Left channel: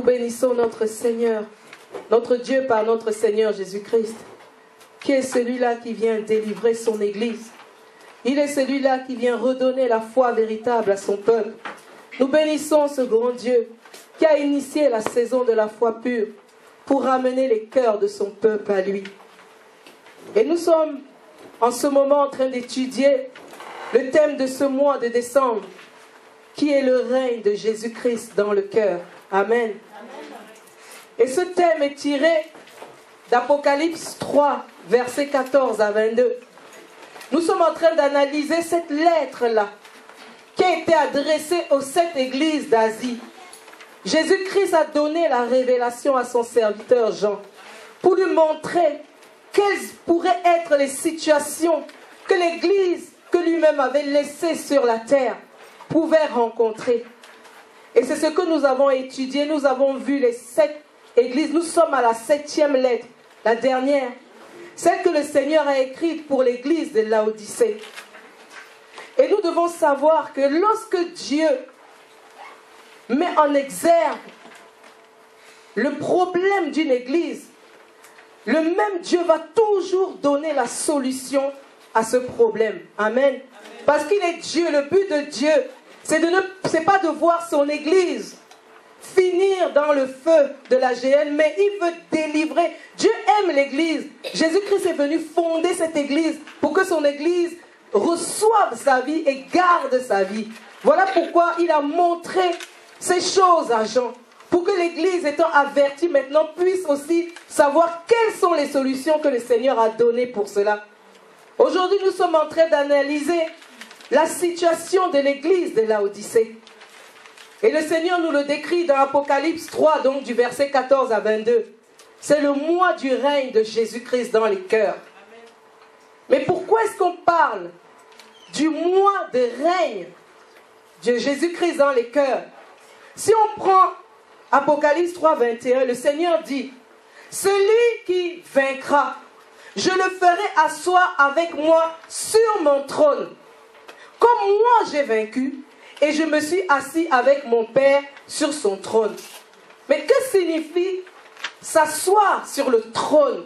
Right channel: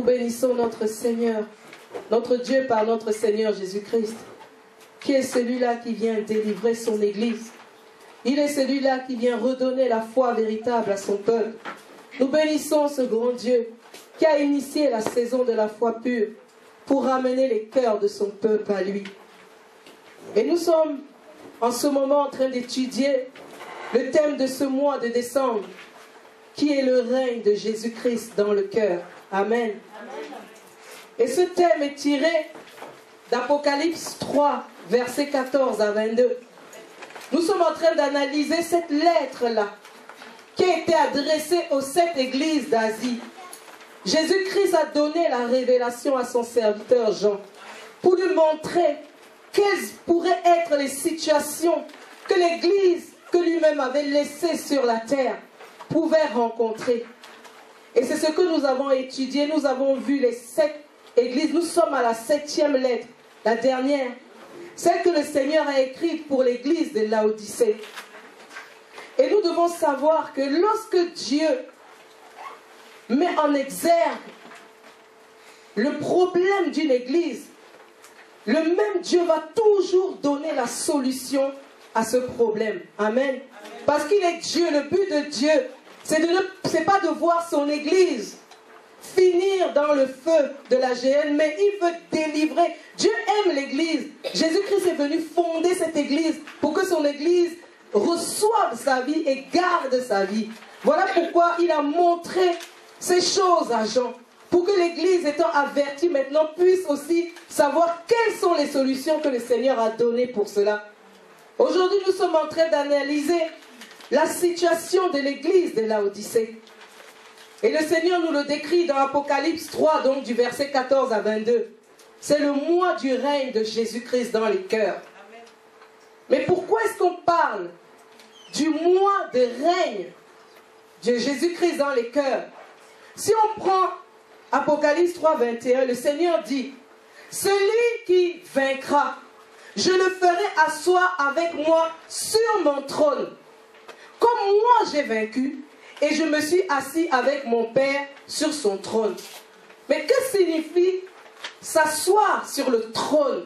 Nous bénissons notre Seigneur, notre Dieu par notre Seigneur Jésus-Christ, qui est celui-là qui vient délivrer son Église. Il est celui-là qui vient redonner la foi véritable à son peuple. Nous bénissons ce grand Dieu qui a initié la saison de la foi pure pour ramener les cœurs de son peuple à lui. Et nous sommes en ce moment en train d'étudier le thème de ce mois de décembre, qui est le règne de Jésus-Christ dans le cœur. Amen. Et ce thème est tiré d'Apocalypse 3, versets 14 à 22. Nous sommes en train d'analyser cette lettre-là, qui a été adressée aux 7 églises d'Asie. Jésus-Christ a donné la révélation à son serviteur Jean, pour lui montrer quelles pourraient être les situations que l'Église que lui-même avait laissées sur la terre pouvait rencontrer. Et c'est ce que nous avons étudié. Nous avons vu les 7 églises. Nous sommes à la 7e lettre, la dernière, celle que le Seigneur a écrite pour l'église de Laodicée. Et nous devons savoir que lorsque Dieu met en exergue le problème d'une église, le même Dieu va toujours donner la solution à ce problème. Amen. Parce qu'il est Dieu. Le but de Dieu, c'est pas de voir son église finir dans le feu de la géhenne, mais il veut délivrer. Dieu aime l'église. Jésus-Christ est venu fonder cette église pour que son église reçoive sa vie et garde sa vie. Voilà pourquoi il a montré ces choses à Jean, pour que l'église étant avertie maintenant puisse aussi savoir quelles sont les solutions que le Seigneur a données pour cela. Aujourd'hui, nous sommes en train d'analyser la situation de l'église de Laodicée. Et le Seigneur nous le décrit dans Apocalypse 3, donc du verset 14 à 22. C'est le mois du règne de Jésus-Christ dans les cœurs. Mais pourquoi est-ce qu'on parle du mois de règne de Jésus-Christ dans les cœurs? Si on prend Apocalypse 3, 21, le Seigneur dit: celui qui vaincra, je le ferai asseoir avec moi sur mon trône, comme moi j'ai vaincu, et je me suis assis avec mon Père sur son trône. Mais que signifie s'asseoir sur le trône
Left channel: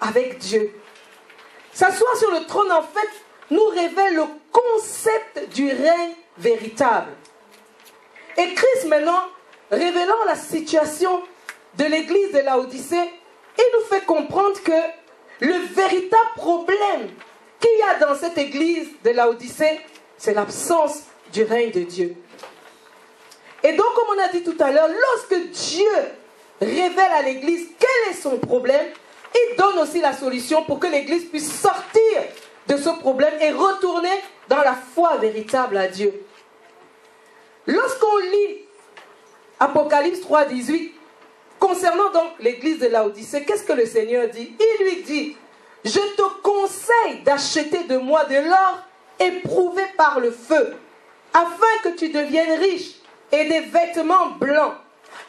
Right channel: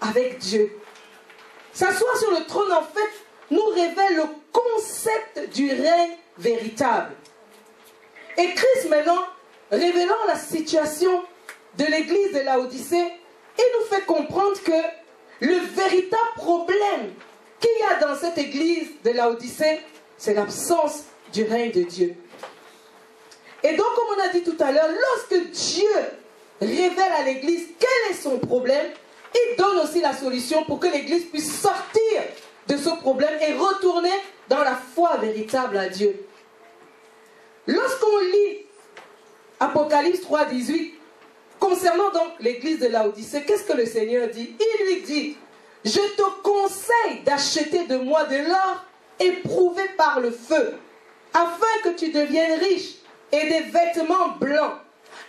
avec Dieu? S'asseoir sur le trône, en fait, nous révèle le concept du règne véritable. Et Christ, maintenant, révélant la situation de l'église de Laodicée, il nous fait comprendre que le véritable problème qu'il y a dans cette église de Laodicée, c'est l'absence du règne de Dieu. Et donc, comme on a dit tout à l'heure, lorsque Dieu révèle à l'église quel est son problème, il donne aussi la solution pour que l'église puisse sortir de ce problème et retourner dans la foi véritable à Dieu. Lorsqu'on lit Apocalypse 3, 18, concernant donc l'église de Laodicée, qu'est-ce que le Seigneur dit? Il lui dit: je te conseille d'acheter de moi de l'or éprouvé par le feu, afin que tu deviennes riche, et des vêtements blancs,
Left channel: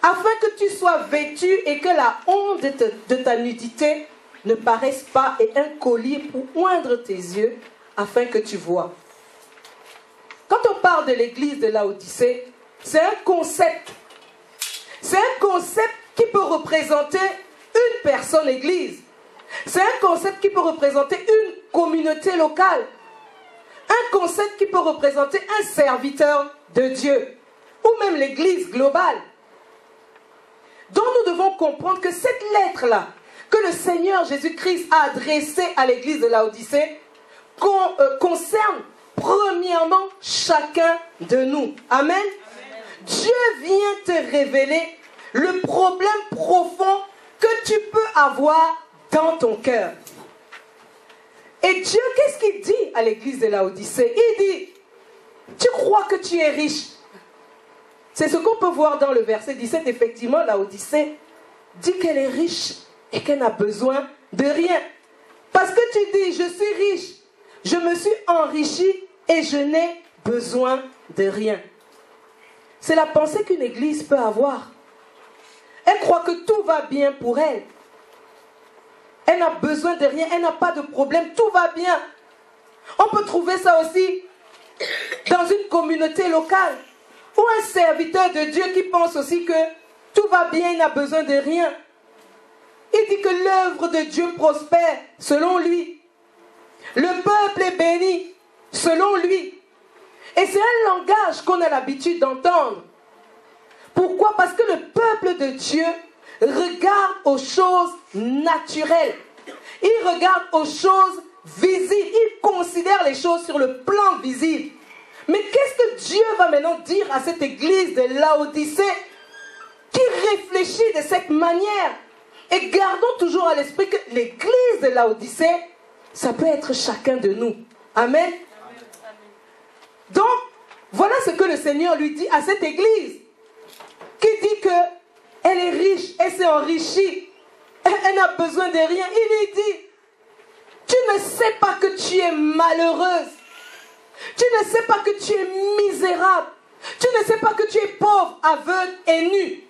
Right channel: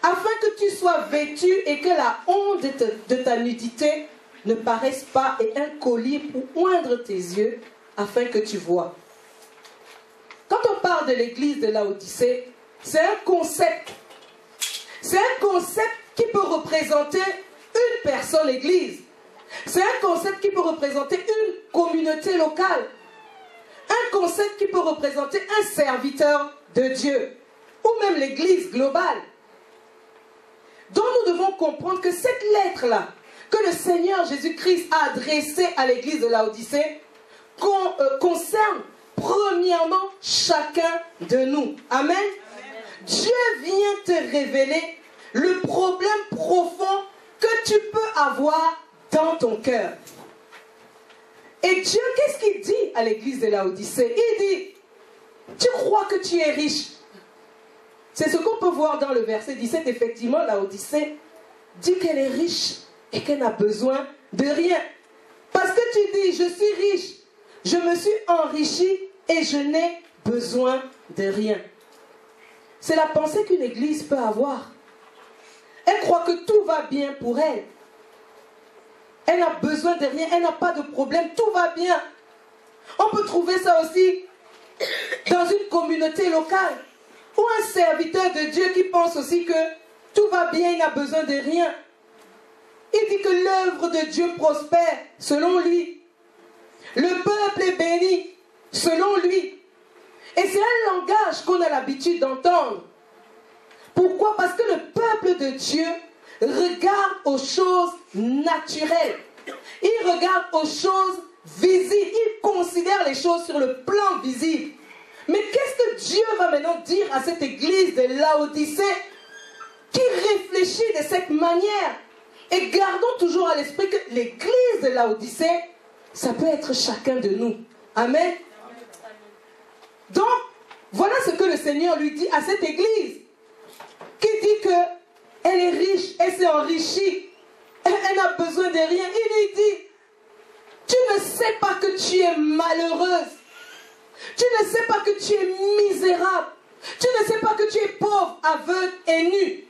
afin que tu sois vêtu et que la honte de ta nudité ne paraisse pas, et un collier pour oindre tes yeux, afin que tu vois. Quand on parle de l'église de Laodicée, c'est un concept. C'est un concept qui peut représenter une personne église. C'est un concept qui peut représenter une communauté locale. Un concept qui peut représenter un serviteur de Dieu. Ou même l'église globale. Donc nous devons comprendre que cette lettre-là, que le Seigneur Jésus-Christ a adressée à l'église de Laodicée, concerne premièrement chacun de nous. Amen. Dieu vient te révéler le problème profond que tu peux avoir dans ton cœur. Et Dieu, qu'est-ce qu'il dit à l'église de Laodicée? Il dit: tu crois que tu es riche. C'est ce qu'on peut voir dans le verset 17. Effectivement, Laodicée dit qu'elle est riche et qu'elle n'a besoin de rien. Parce que tu dis: je suis riche, je me suis enrichi et je n'ai besoin de rien. C'est la pensée qu'une église peut avoir. Elle croit que tout va bien pour elle. Elle n'a besoin de rien, elle n'a pas de problème, tout va bien. On peut trouver ça aussi dans une communauté locale, ou un serviteur de Dieu qui pense aussi que tout va bien, il n'a besoin de rien. Il dit que l'œuvre de Dieu prospère selon lui. Le peuple est béni selon lui. Et c'est un langage qu'on a l'habitude d'entendre. Pourquoi? Parce que le peuple de Dieu regarde aux choses naturelles. Il regarde aux choses visibles. Il considère les choses sur le plan visible. Mais qu'est-ce que Dieu va maintenant dire à cette église de Laodicée qui réfléchit de cette manière? Et gardons toujours à l'esprit que l'église de Laodicée, ça peut être chacun de nous. Amen. Donc, voilà ce que le Seigneur lui dit à cette église qui dit qu'elle est riche, elle s'est enrichie, elle n'a besoin de rien. Il lui dit, tu ne sais pas que tu es malheureuse, tu ne sais pas que tu es misérable, tu ne sais pas que tu es pauvre, aveugle et nu.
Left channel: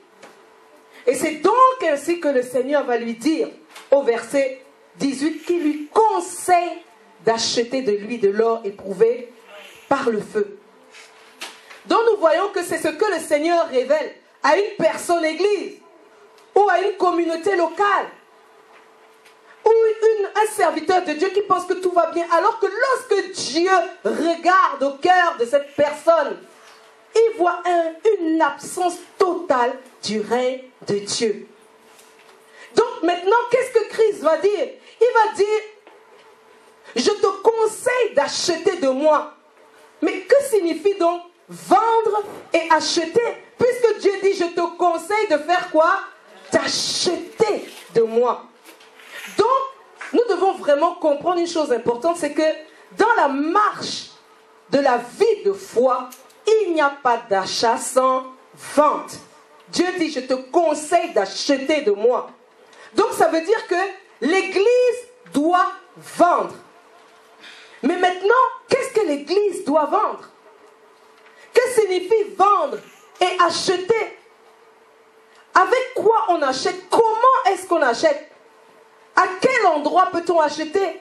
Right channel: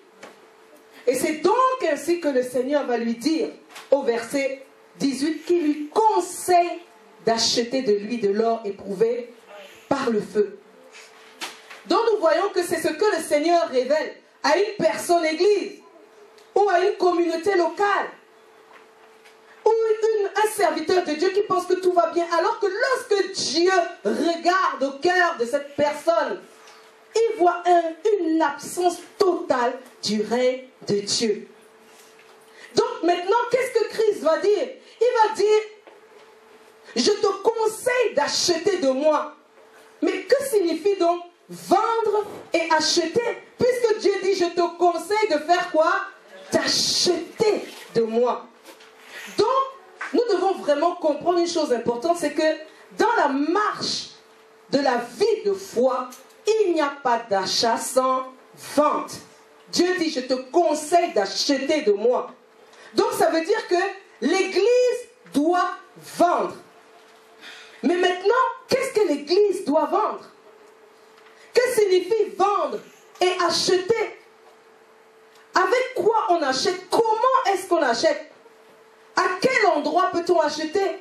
Et c'est donc ainsi que le Seigneur va lui dire au verset 18 qu'il lui conseille d'acheter de lui de l'or éprouvé par le feu. Donc nous voyons que c'est ce que le Seigneur révèle à une personne église ou à une communauté locale ou un serviteur de Dieu qui pense que tout va bien, alors que lorsque Dieu regarde au cœur de cette personne, il voit une absence totale du règne de Dieu. Donc maintenant, qu'est-ce que Christ va dire? Il va dire, je te conseille d'acheter de moi. Mais que signifie donc vendre et acheter? Puisque Dieu dit, je te conseille de faire quoi? D'acheter de moi. Donc, nous devons vraiment comprendre une chose importante, c'est que dans la marche de la vie de foi, il n'y a pas d'achat sans vente. Dieu dit, je te conseille d'acheter de moi. Donc ça veut dire que l'Église doit vendre. Mais maintenant, qu'est-ce que l'Église doit vendre? Que signifie vendre et acheter? Avec quoi on achète? Comment est-ce qu'on achète? À quel endroit peut-on acheter?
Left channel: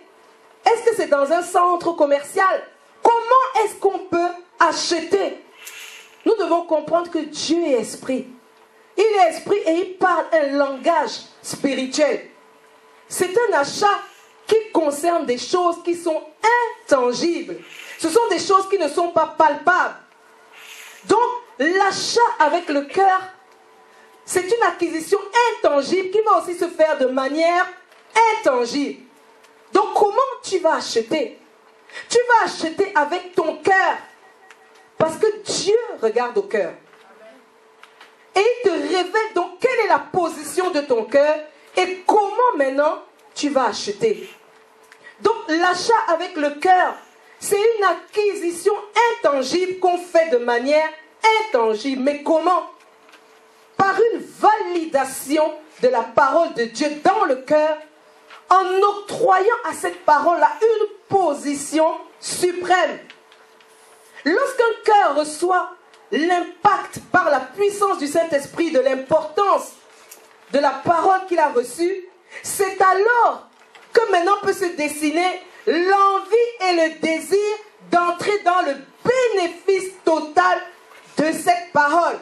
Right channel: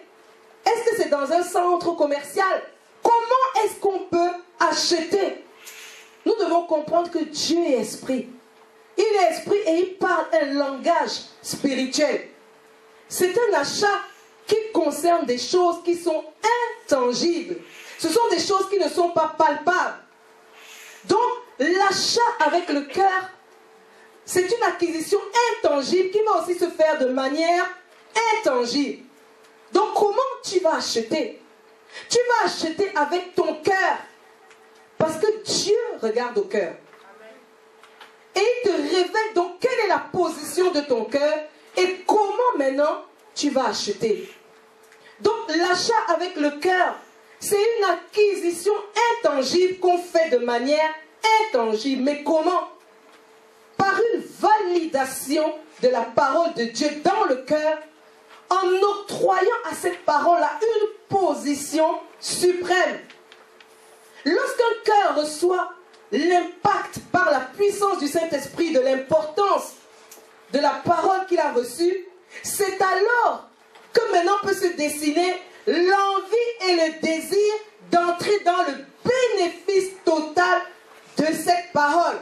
Est-ce que c'est dans un centre commercial? Comment est-ce qu'on peut acheter? Nous devons comprendre que Dieu est esprit. Il est esprit et il parle un langage spirituel. C'est un achat qui concerne des choses qui sont intangibles. Ce sont des choses qui ne sont pas palpables. Donc, l'achat avec le cœur, c'est une acquisition intangible qui va aussi se faire de manière intangible. Donc, comment tu vas acheter? Tu vas acheter avec ton cœur. Parce que Dieu regarde au cœur. Et il te révèle donc quelle est la position de ton cœur et comment maintenant tu vas acheter. Donc l'achat avec le cœur, c'est une acquisition intangible qu'on fait de manière intangible. Mais comment? Par une validation de la parole de Dieu dans le cœur, en octroyant à cette parole-là une position suprême. Lorsqu'un cœur reçoit l'impact par la puissance du Saint-Esprit de l'importance de la parole qu'il a reçue, c'est alors que maintenant peut se dessiner l'envie et le désir d'entrer dans le bénéfice total de cette parole.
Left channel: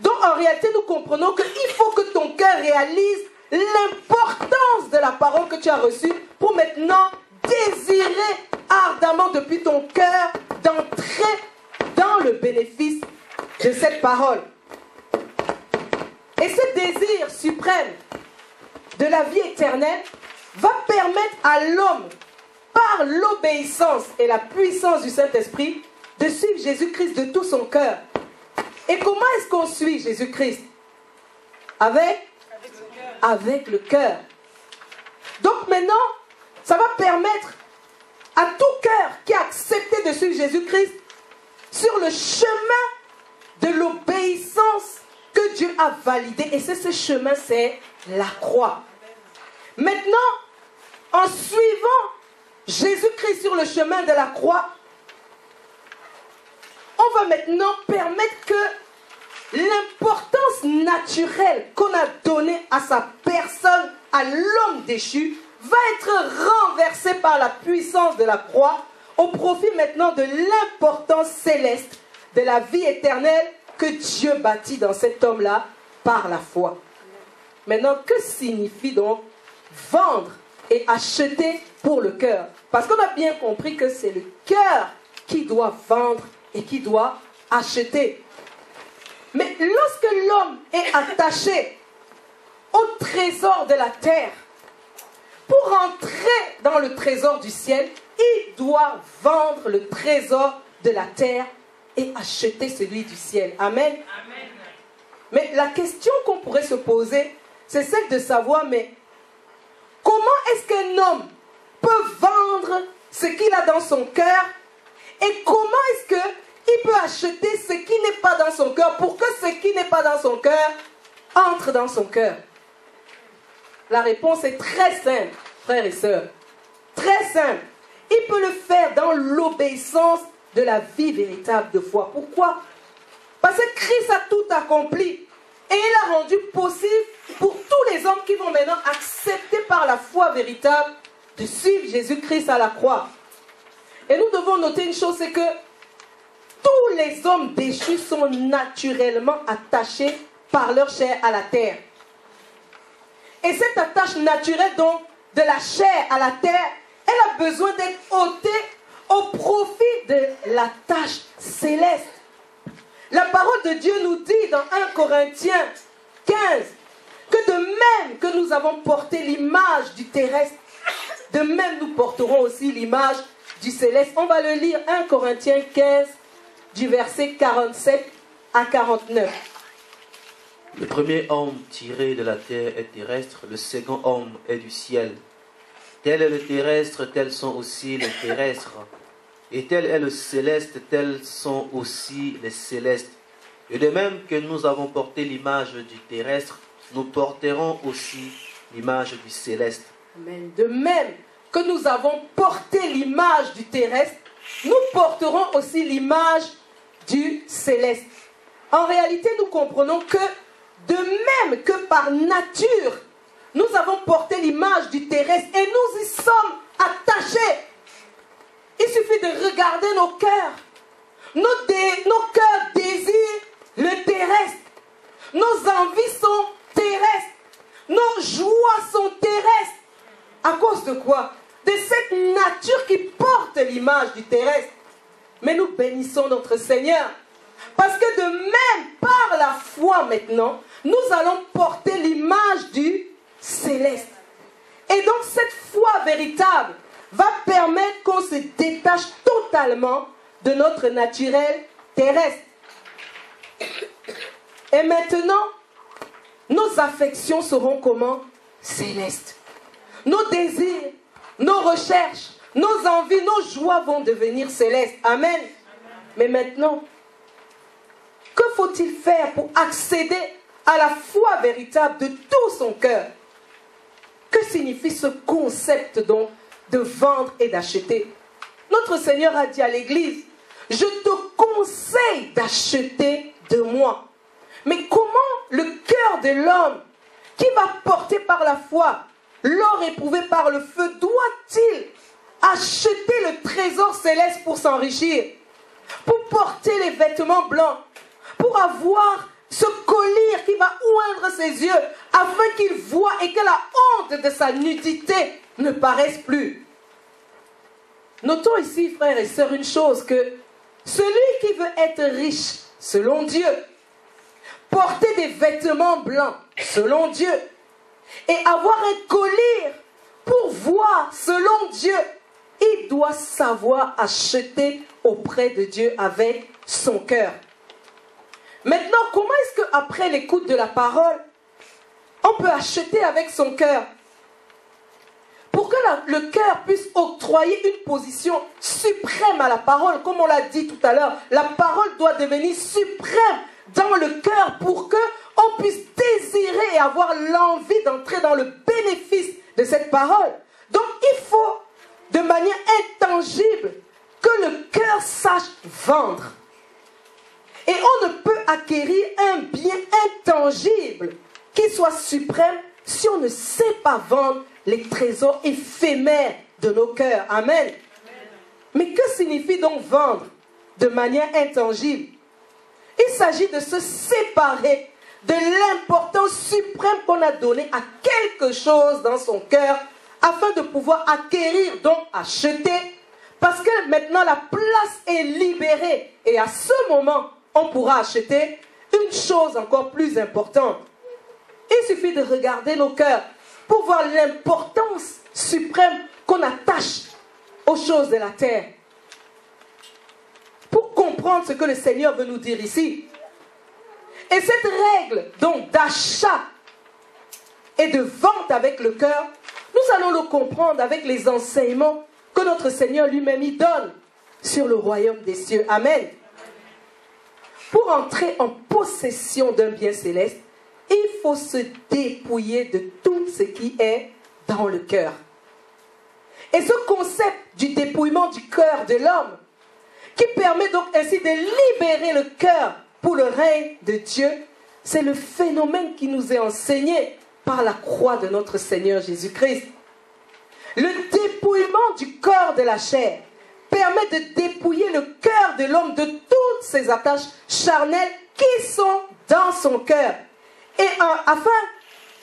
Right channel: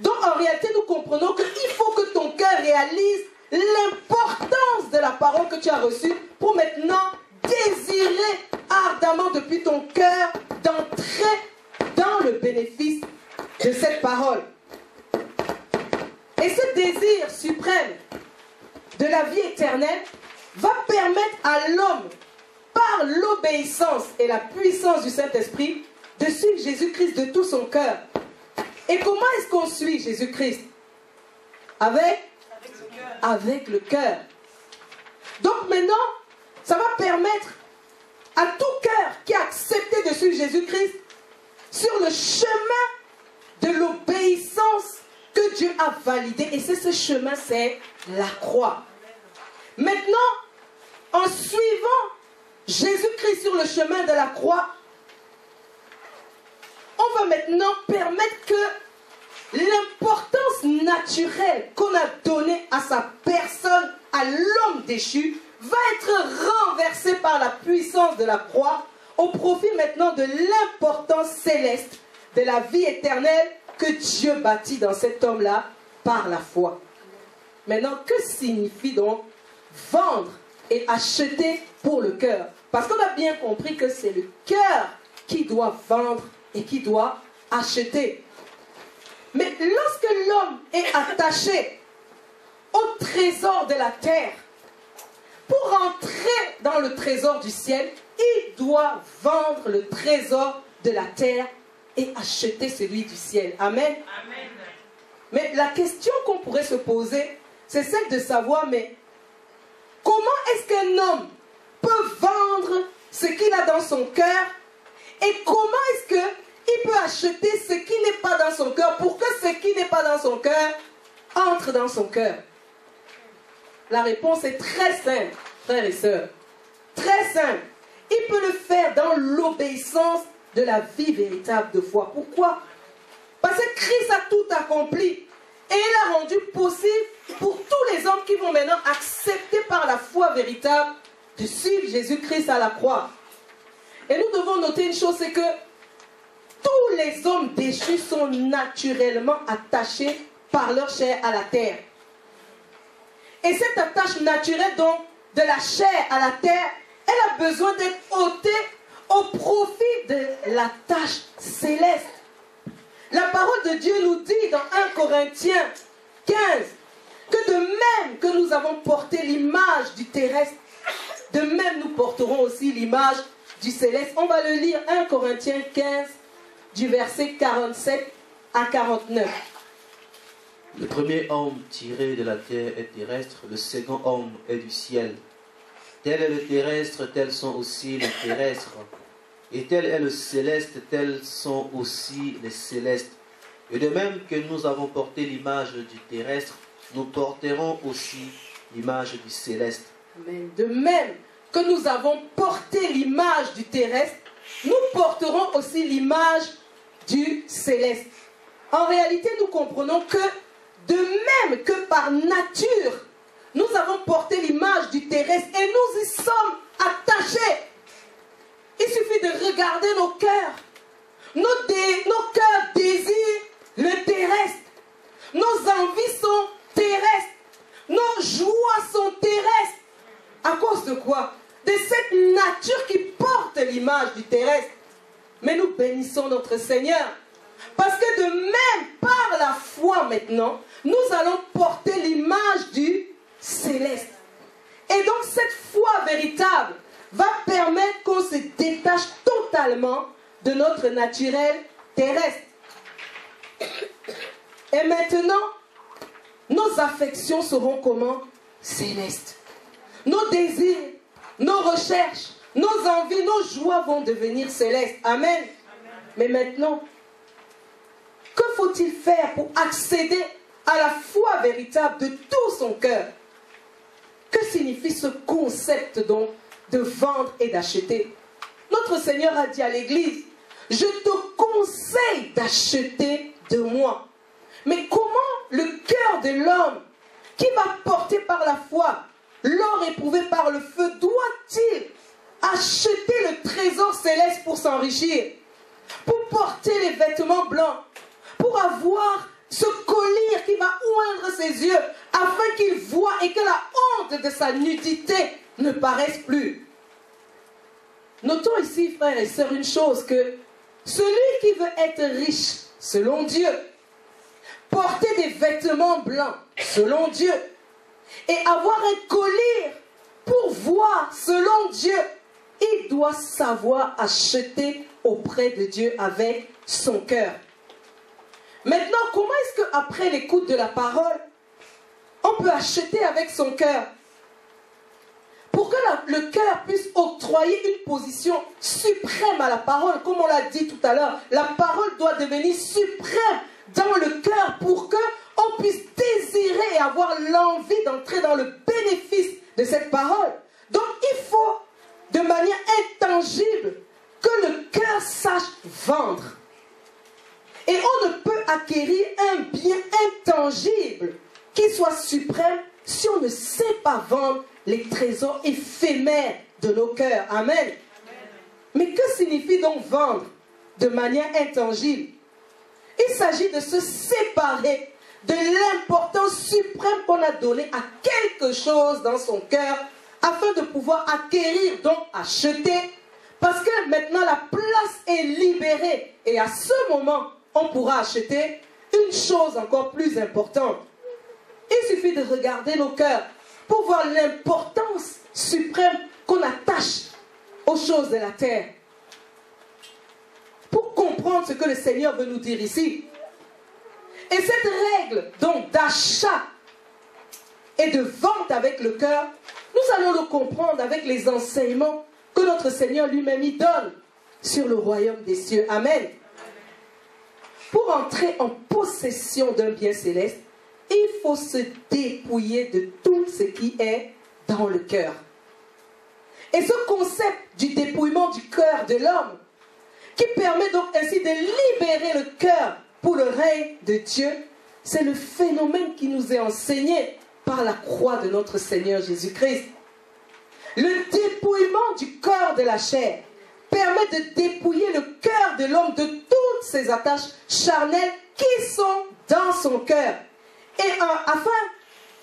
Donc en réalité, nous comprenons qu'il faut que ton cœur réalise l'importance de la parole que tu as reçue pour maintenant désirer ardemment depuis ton cœur d'entrer dans le bénéfice de cette parole. Et ce désir suprême de la vie éternelle va permettre à l'homme, par l'obéissance et la puissance du Saint-Esprit, de suivre Jésus-Christ de tout son cœur. Et comment est-ce qu'on suit Jésus-Christ? Avec le cœur. Donc maintenant, ça va permettre à tout cœur qui a accepté de suivre Jésus-Christ sur le chemin de l'obéissance que Dieu a validé. Et c'est ce chemin, c'est la croix. Maintenant, en suivant Jésus-Christ sur le chemin de la croix, on va maintenant permettre que l'importance naturelle qu'on a donnée à sa personne, à l'homme déchu, va être renversée par la puissance de la croix au profit maintenant de l'importance céleste de la vie éternelle que Dieu bâtit dans cet homme-là par la foi. Maintenant, que signifie donc vendre et acheter pour le cœur? Parce qu'on a bien compris que c'est le cœur qui doit vendre et qui doit acheter. Mais lorsque l'homme est attaché au trésor de la terre, pour entrer dans le trésor du ciel, il doit vendre le trésor de la terre et acheter celui du ciel. Amen. Amen. Mais la question qu'on pourrait se poser, c'est celle de savoir, mais comment est-ce qu'un homme peut vendre ce qu'il a dans son cœur et comment est-ce qu'il peut acheter ce qui n'est pas dans son cœur pour que ce qui n'est pas dans son cœur entre dans son cœur? La réponse est très simple, frères et sœurs. Très simple. Il peut le faire dans l'obéissance de la vie véritable de foi. Pourquoi? Parce que Christ a tout accompli. Et il a rendu possible pour tous les hommes qui vont maintenant accepter par la foi véritable de suivre Jésus-Christ à la croix. Et nous devons noter une chose, c'est que tous les hommes déchus sont naturellement attachés par leur chair à la terre. Et cette attache naturelle donc de la chair à la terre, elle a besoin d'être ôtée au profit de la tâche céleste. La parole de Dieu nous dit dans 1 Corinthiens 15 que de même que nous avons porté l'image du terrestre, de même nous porterons aussi l'image du céleste. On va le lire, 1 Corinthiens 15 du verset 47 à 49. Le premier homme tiré de la terre est terrestre, le second homme est du ciel. Tel est le terrestre, tels sont aussi les terrestres. Et tel est le céleste, tels sont aussi les célestes. Et de même que nous avons porté l'image du terrestre, nous porterons aussi l'image du céleste. Amen. De même que nous avons porté l'image du terrestre, nous porterons aussi l'image du céleste. En réalité, nous comprenons que de même que par nature, nous avons porté l'image du terrestre et nous y sommes attachés. Il suffit de regarder nos cœurs. Nos cœurs désirent le terrestre. Nos envies sont terrestres. Nos joies sont terrestres. À cause de quoi? De cette nature qui porte l'image du terrestre. Mais nous bénissons notre Seigneur. Parce que de même, par la foi maintenant, nous allons porter l'image du céleste. Et donc cette foi véritable va permettre qu'on se détache totalement de notre naturel terrestre. Et maintenant, nos affections seront comment? Célestes. Nos désirs, nos recherches, nos envies, nos joies vont devenir célestes. Amen. Amen. Mais maintenant, que faut-il faire pour accéder à la foi véritable de tout son cœur? Que signifie ce concept donc de vendre et d'acheter? Notre Seigneur a dit à l'Église, je te conseille d'acheter de moi. Mais comment le cœur de l'homme qui va porter par la foi l'or éprouvé par le feu doit-il acheter le trésor céleste pour s'enrichir, pour porter les vêtements blancs, pour avoir ce collier qui va oindre ses yeux afin qu'il voie et que la honte de sa nudité ne paraisse plus? Notons ici, frères et sœurs, une chose, que celui qui veut être riche selon Dieu, porter des vêtements blancs selon Dieu et avoir un collier pour voir selon Dieu, il doit savoir acheter auprès de Dieu avec son cœur. Maintenant, comment est-ce qu'après l'écoute de la parole, on peut acheter avec son cœur? Pour que le cœur puisse octroyer une position suprême à la parole, comme on l'a dit tout à l'heure, la parole doit devenir suprême dans le cœur pour qu'on puisse désirer et avoir l'envie d'entrer dans le bénéfice de cette parole. Donc il faut, de manière intangible, que le cœur sache vendre. Et on ne peut acquérir un bien intangible qui soit suprême si on ne sait pas vendre les trésors éphémères de nos cœurs. Amen. Amen. Mais que signifie donc vendre de manière intangible? Il s'agit de se séparer de l'importance suprême qu'on a donnée à quelque chose dans son cœur afin de pouvoir acquérir, donc acheter, parce que maintenant la place est libérée et à ce moment, on pourra acheter une chose encore plus importante. Il suffit de regarder nos cœurs pour voir l'importance suprême qu'on attache aux choses de la terre. Pour comprendre ce que le Seigneur veut nous dire ici. Et cette règle donc d'achat et de vente avec le cœur, nous allons le comprendre avec les enseignements que notre Seigneur lui-même y donne sur le royaume des cieux. Amen. Pour entrer en possession d'un bien céleste, il faut se dépouiller de tout ce qui est dans le cœur. Et ce concept du dépouillement du cœur de l'homme, qui permet donc ainsi de libérer le cœur pour le règne de Dieu, c'est le phénomène qui nous est enseigné par la croix de notre Seigneur Jésus-Christ. Le dépouillement du corps de la chair permet de dépouiller le cœur de l'homme de toutes ses attaches charnelles qui sont dans son cœur. Et afin,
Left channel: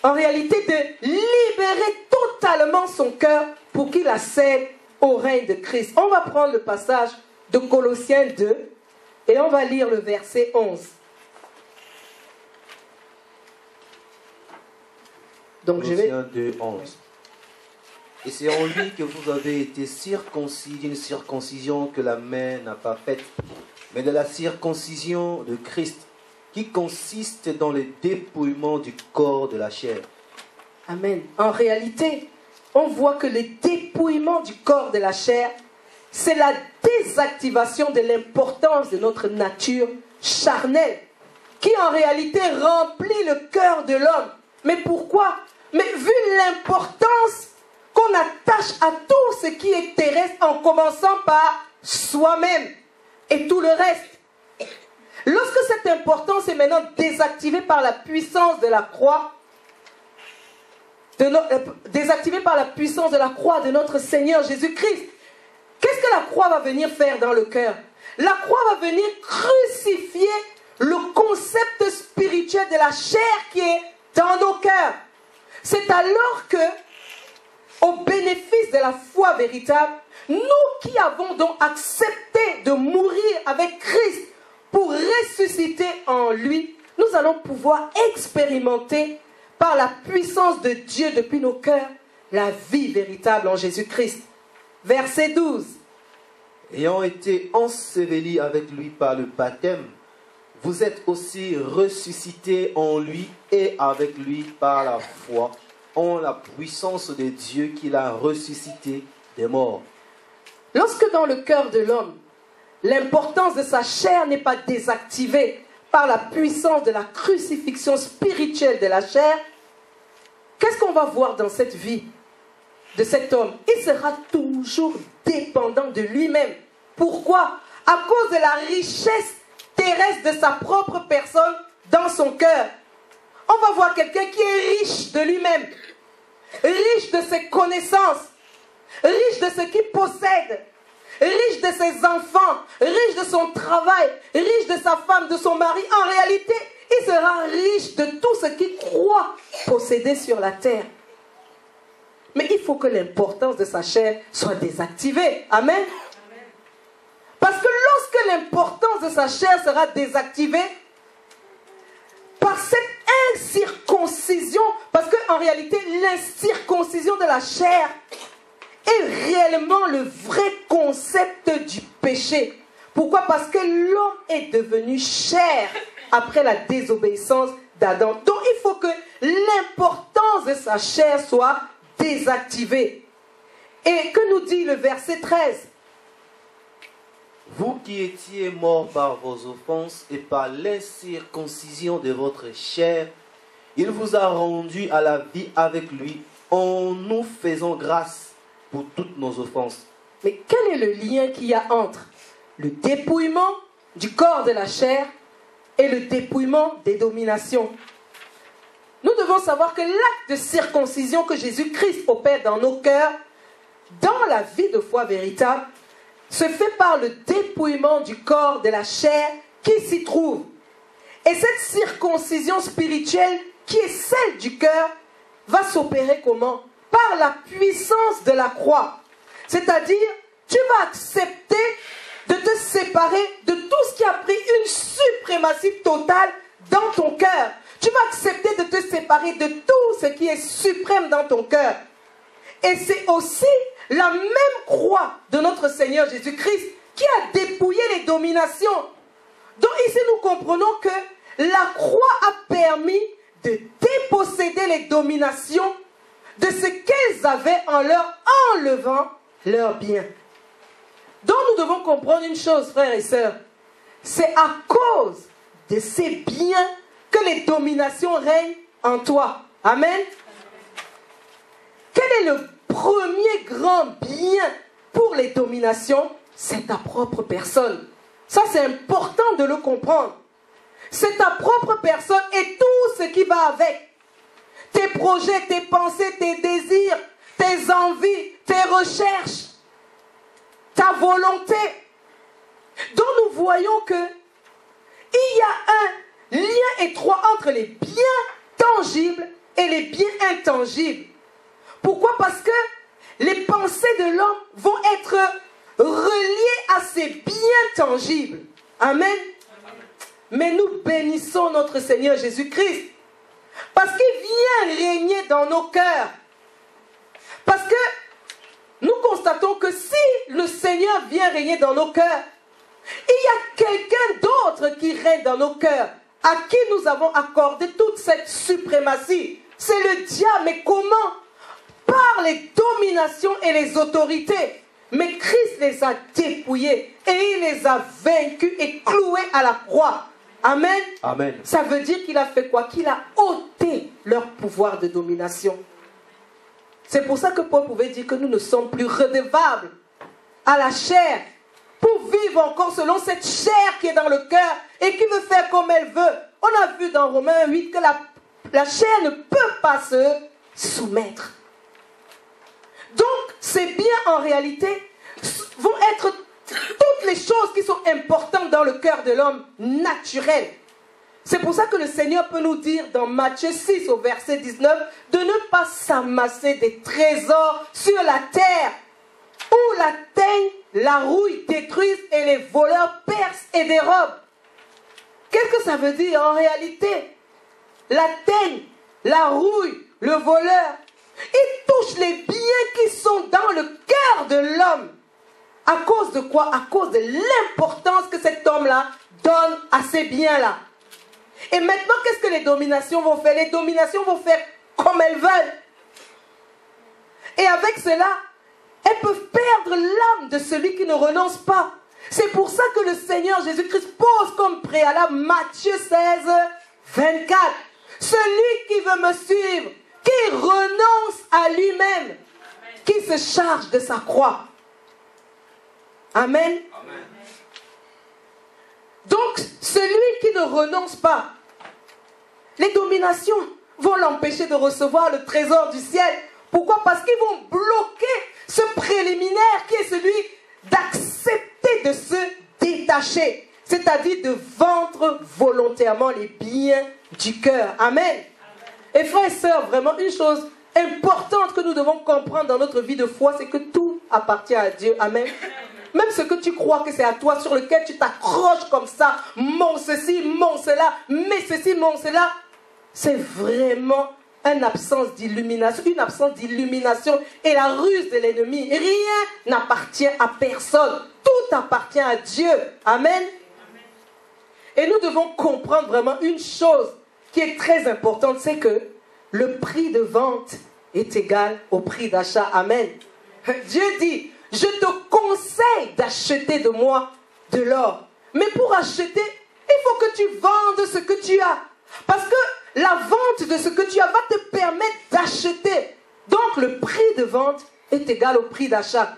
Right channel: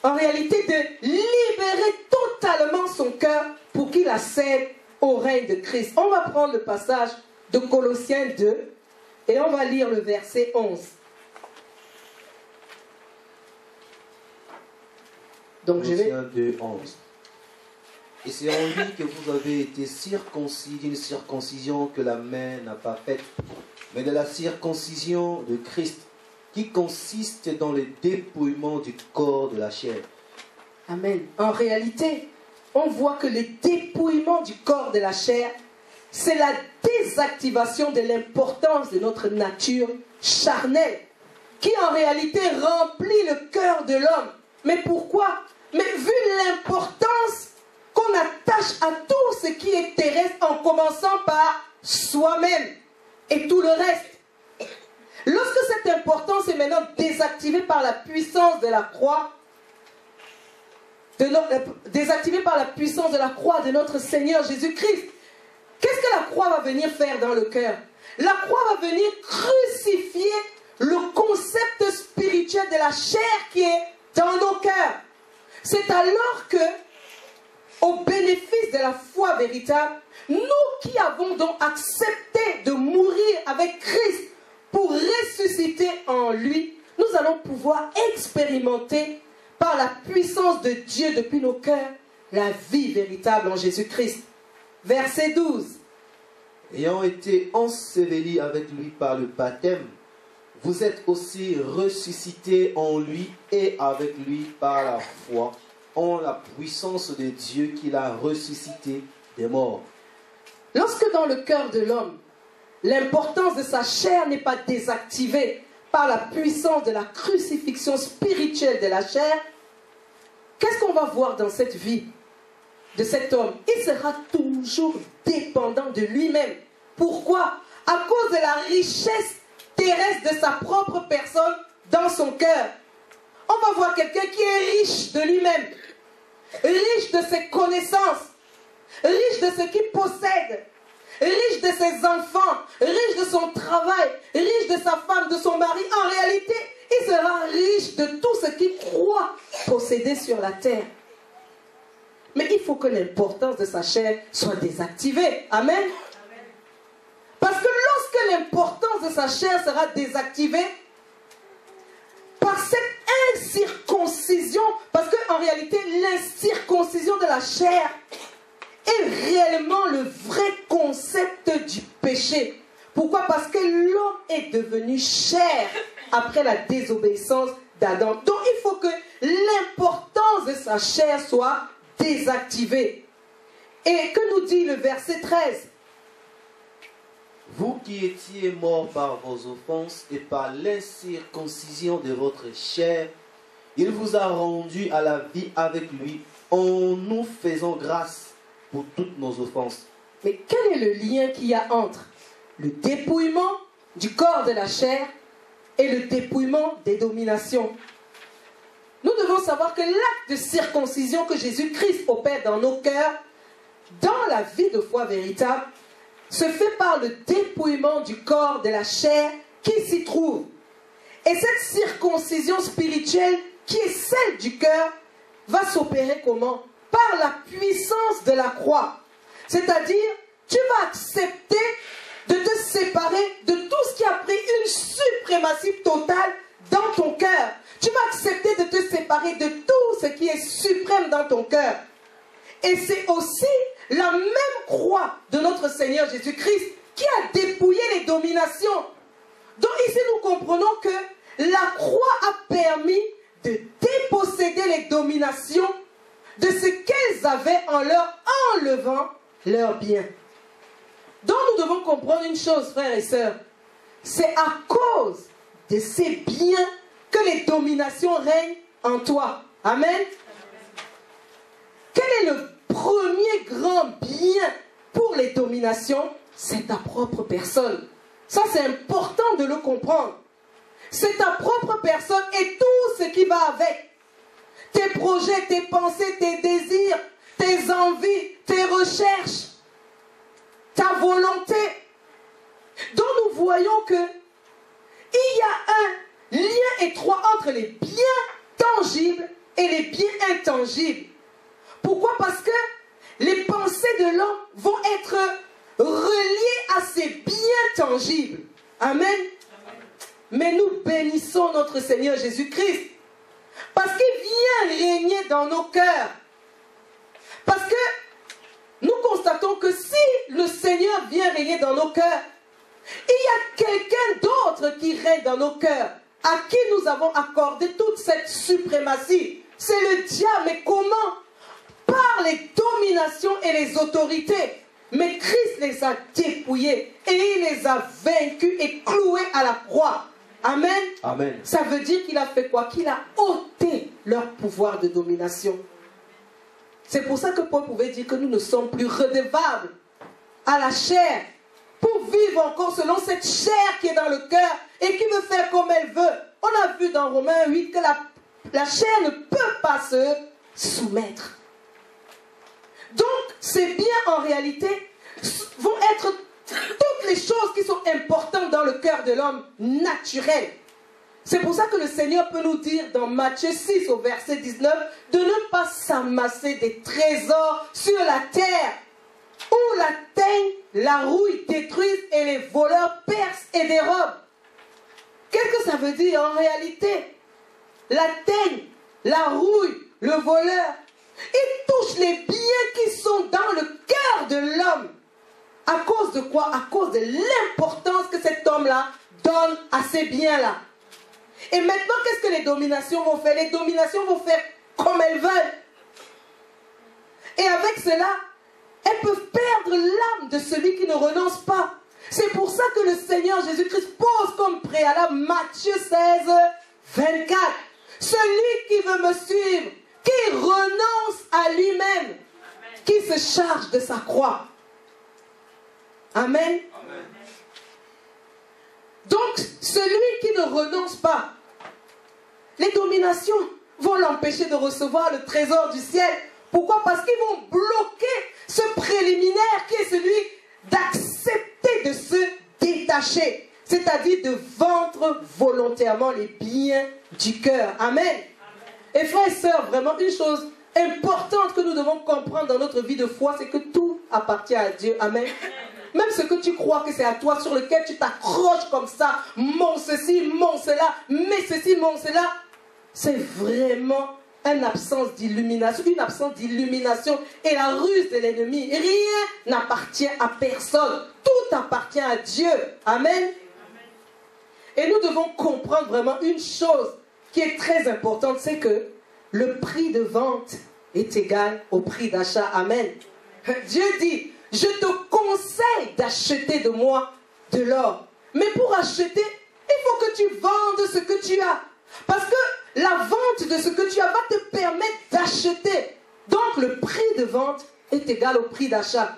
en réalité, de libérer totalement son cœur pour qu'il accède au règne de Christ. On va prendre le passage de Colossiens 2 et on va lire le verset 11. Donc Colossiens 2, 11. Et c'est en lui que vous avez été circoncis d'une circoncision que la main n'a pas faite, mais de la circoncision de Christ, qui consiste dans le dépouillement du corps de la chair. Amen. En réalité, on voit que le dépouillement du corps de la chair, c'est la désactivation de l'importance de notre nature charnelle, qui en réalité remplit le cœur de l'homme. Mais pourquoi? Mais vu l'importance qu'on attache à tout ce qui est terrestre, en commençant par soi-même et tout le reste. Lorsque cette importance est maintenant désactivée par la puissance de la croix, désactivée par la puissance de la croix de notre Seigneur Jésus-Christ, qu'est-ce que la croix va venir faire dans le cœur? La croix va venir crucifier le concept spirituel de la chair qui est dans nos cœurs. C'est alors que, au bénéfice de la foi véritable, nous qui avons donc accepté de mourir avec Christ pour ressusciter en lui, nous allons pouvoir expérimenter par la puissance de Dieu depuis nos cœurs la vie véritable en Jésus-Christ. Verset 12. Ayant été ensevelis avec lui par le baptême, vous êtes aussi ressuscités en lui et avec lui par la foi, en la puissance de Dieu qui l'a ressuscité des morts. Lorsque dans le cœur de l'homme, l'importance de sa chair n'est pas désactivée par la puissance de la crucifixion spirituelle de la chair, qu'est-ce qu'on va voir dans cette vie de cet homme? Il sera toujours dépendant de lui-même. Pourquoi? À cause de la richesse terrestre de sa propre personne dans son cœur. On va voir quelqu'un qui est riche de lui-même, riche de ses connaissances, riche de ce qu'il possède, riche de ses enfants, riche de son travail, riche de sa femme, de son mari. En réalité, il sera riche de tout ce qu'il croit posséder sur la terre. Mais il faut que l'importance de sa chair soit désactivée. Amen. Parce que lorsque l'importance de sa chair sera désactivée, par cette incirconcision, parce qu'en réalité, l'incirconcision de la chair est réellement le vrai concept du péché. Pourquoi? Parce que l'homme est devenu chair après la désobéissance d'Adam. Donc il faut que l'importance de sa chair soit désactivée. Et que nous dit le verset 13? Vous qui étiez morts par vos offenses et par l'incirconcision de votre chair, il vous a rendus à la vie avec lui en nous faisant grâce pour toutes nos offenses. Mais quel est le lien qu'il y a entre le dépouillement du corps de la chair et le dépouillement des dominations? Nous devons savoir que l'acte de circoncision que Jésus-Christ opère dans nos cœurs, dans la vie de foi véritable, se fait par le dépouillement du corps de la chair qui s'y trouve. Et cette circoncision spirituelle, qui est celle du cœur, va s'opérer comment? Par la puissance de la croix. C'est-à-dire, tu vas accepter de te séparer de tout ce qui a pris une suprématie totale dans ton cœur. Tu vas accepter de te séparer de tout ce qui est suprême dans ton cœur. Et c'est aussi la même croix de notre Seigneur Jésus-Christ qui a dépouillé les dominations. Donc ici nous comprenons que la croix a permis de déposséder les dominations de ce qu'elles avaient en leur enlevant leurs biens. Donc nous devons comprendre une chose, frères et sœurs. C'est à cause de ces biens que les dominations règnent en toi. Amen. Quel est le premier grand bien pour les dominations? C'est ta propre personne. Ça, c'est important de le comprendre. C'est ta propre personne et tout ce qui va avec. Tes projets, tes pensées, tes désirs, tes envies, tes recherches, ta volonté. Donc nous voyons que il y a un lien étroit entre les biens tangibles et les biens intangibles. Pourquoi? Parce que les pensées de l'homme vont être reliées à ces biens tangibles. Amen. Mais nous bénissons notre Seigneur Jésus-Christ parce qu'il vient régner dans nos cœurs. Parce que nous constatons que si le Seigneur vient régner dans nos cœurs, il y a quelqu'un d'autre qui règne dans nos cœurs, à qui nous avons accordé toute cette suprématie. C'est le diable. Mais comment? Par les dominations et les autorités. Mais Christ les a dépouillés et il les a vaincus et cloués à la croix. Amen. Amen. Ça veut dire qu'il a fait quoi? Qu'il a ôté leur pouvoir de domination. C'est pour ça que Paul pouvait dire que nous ne sommes plus redevables à la chair pour vivre encore selon cette chair qui est dans le cœur et qui veut faire comme elle veut. On a vu dans Romains 8 que la chair ne peut pas se soumettre. Donc, ces biens en réalité vont être toutes les choses qui sont importantes dans le cœur de l'homme naturel. C'est pour ça que le Seigneur peut nous dire dans Matthieu 6 au verset 19 de ne pas s'amasser des trésors sur la terre où la teigne, la rouille détruisent et les voleurs percent et dérobent. Qu'est-ce que ça veut dire en réalité? La teigne, la rouille, le voleur, ils touchent les biens qui sont dans le cœur de l'homme. À cause de quoi? À cause de l'importance que cet homme-là donne à ces biens-là. Et maintenant, qu'est-ce que les dominations vont faire? Les dominations vont faire comme elles veulent. Et avec cela, elles peuvent perdre l'âme de celui qui ne renonce pas. C'est pour ça que le Seigneur Jésus-Christ pose comme préalable Matthieu 16, 24. Celui qui veut me suivre, qui renonce à lui-même, qui se charge de sa croix. Amen. Amen. Donc, celui qui ne renonce pas, les dominations vont l'empêcher de recevoir le trésor du ciel. Pourquoi? Parce qu'ils vont bloquer ce préliminaire qui est celui d'accepter de se détacher, c'est-à-dire de vendre volontairement les biens du cœur. Amen. Et frères et sœurs, vraiment une chose importante que nous devons comprendre dans notre vie de foi, c'est que tout appartient à Dieu. Amen. Même ce que tu crois que c'est à toi, sur lequel tu t'accroches comme ça, mon ceci, mon cela, mais ceci, mon cela, c'est vraiment une absence d'illumination et la ruse de l'ennemi. Rien n'appartient à personne. Tout appartient à Dieu. Amen. Et nous devons comprendre vraiment une chose qui est très importante, c'est que le prix de vente est égal au prix d'achat. Amen. Dieu dit, je te conseille d'acheter de moi de l'or. Mais pour acheter, il faut que tu vendes ce que tu as. Parce que la vente de ce que tu as va te permettre d'acheter. Donc le prix de vente est égal au prix d'achat.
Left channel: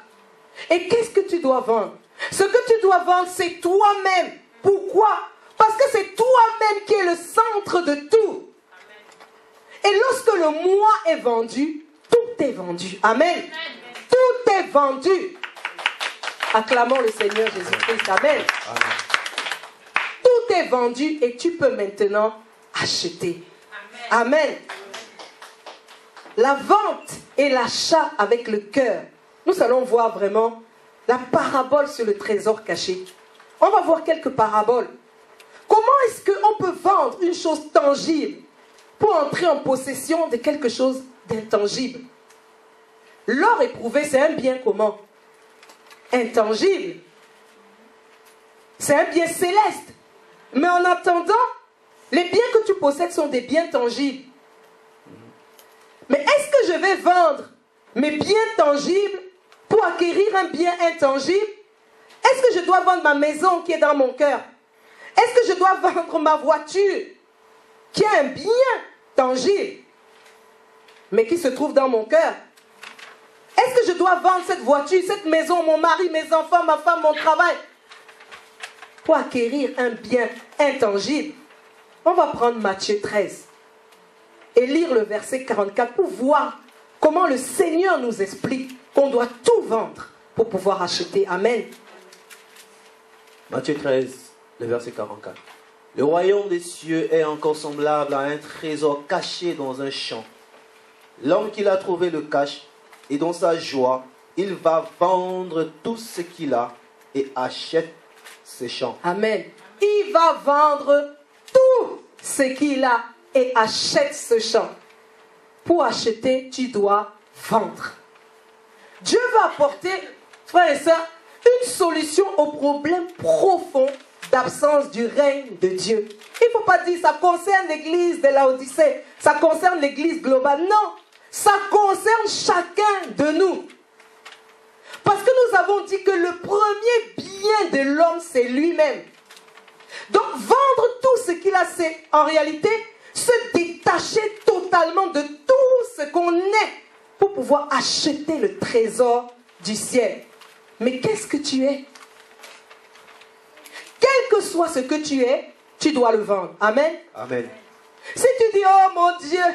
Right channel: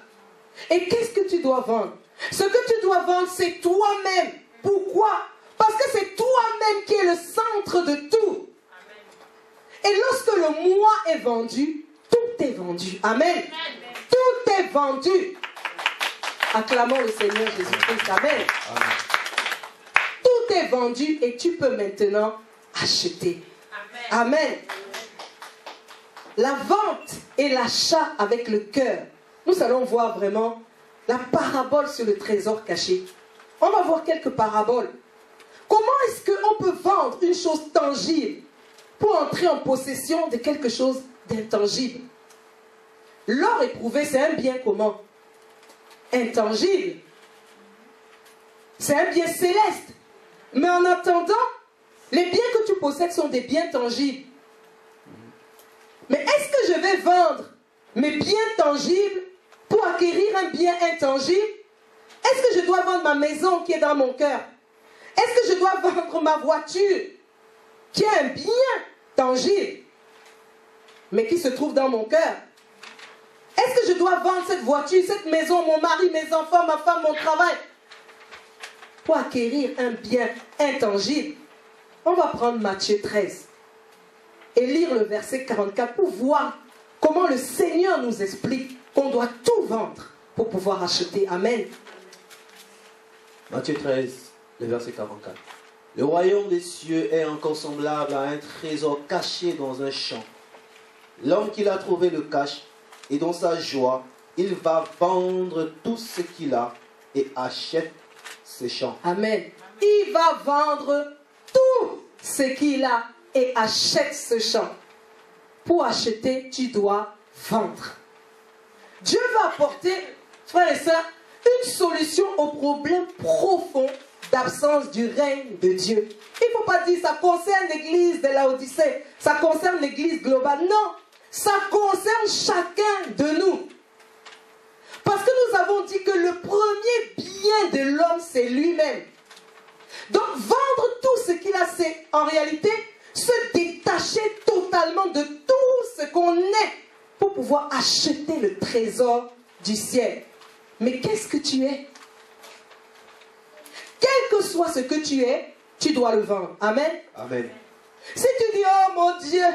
Et qu'est-ce que tu dois vendre? Ce que tu dois vendre, c'est toi-même. Pourquoi? Parce que c'est toi-même qui est le centre de tout. Et lorsque le moi est vendu, tout est vendu. Amen. Tout est vendu. Acclamons le Seigneur Jésus-Christ. Amen. Tout est vendu et tu peux maintenant acheter. Amen. La vente et l'achat avec le cœur. Nous allons voir vraiment la parabole sur le trésor caché. On va voir quelques paraboles. Comment est-ce qu'on peut vendre une chose tangible pour entrer en possession de quelque chose d'intangible? L'or éprouvé, c'est un bien comment? Intangible. C'est un bien céleste. Mais en attendant, les biens que tu possèdes sont des biens tangibles. Mais est-ce que je vais vendre mes biens tangibles pour acquérir un bien intangible? Est-ce que je dois vendre ma maison qui est dans mon cœur? Est-ce que je dois vendre ma voiture qui est un bien tangible mais qui se trouve dans mon cœur? Est-ce que je dois vendre cette voiture, cette maison, mon mari, mes enfants, ma femme, mon travail pour acquérir un bien intangible? On va prendre Matthieu 13 et lire le verset 44 pour voir comment le Seigneur nous explique qu'on doit tout vendre pour pouvoir acheter. Amen. Matthieu 13, le verset 44. Le royaume des cieux est encore semblable à un trésor caché dans un champ. L'homme qui l'a trouvé le cache, et dans sa joie, il va vendre tout ce qu'il a et achète ce champ. Amen. Il va vendre tout ce qu'il a et achète ce champ. Pour acheter, tu dois vendre. Dieu va apporter, frères et sœurs, une solution au problème profond d'absence du règne de Dieu. Il ne faut pas dire ça concerne l'église de Laodicée, ça concerne l'église globale. Non, ça concerne chacun de nous. Parce que nous avons dit que le premier bien de l'homme, c'est lui-même. Donc vendre tout ce qu'il a, c'est en réalité se détacher totalement de tout ce qu'on est pour pouvoir acheter le trésor du ciel. Mais qu'est-ce que tu es? Quel que soit ce que tu es, tu dois le vendre. Amen. Amen. Si tu dis, oh mon Dieu,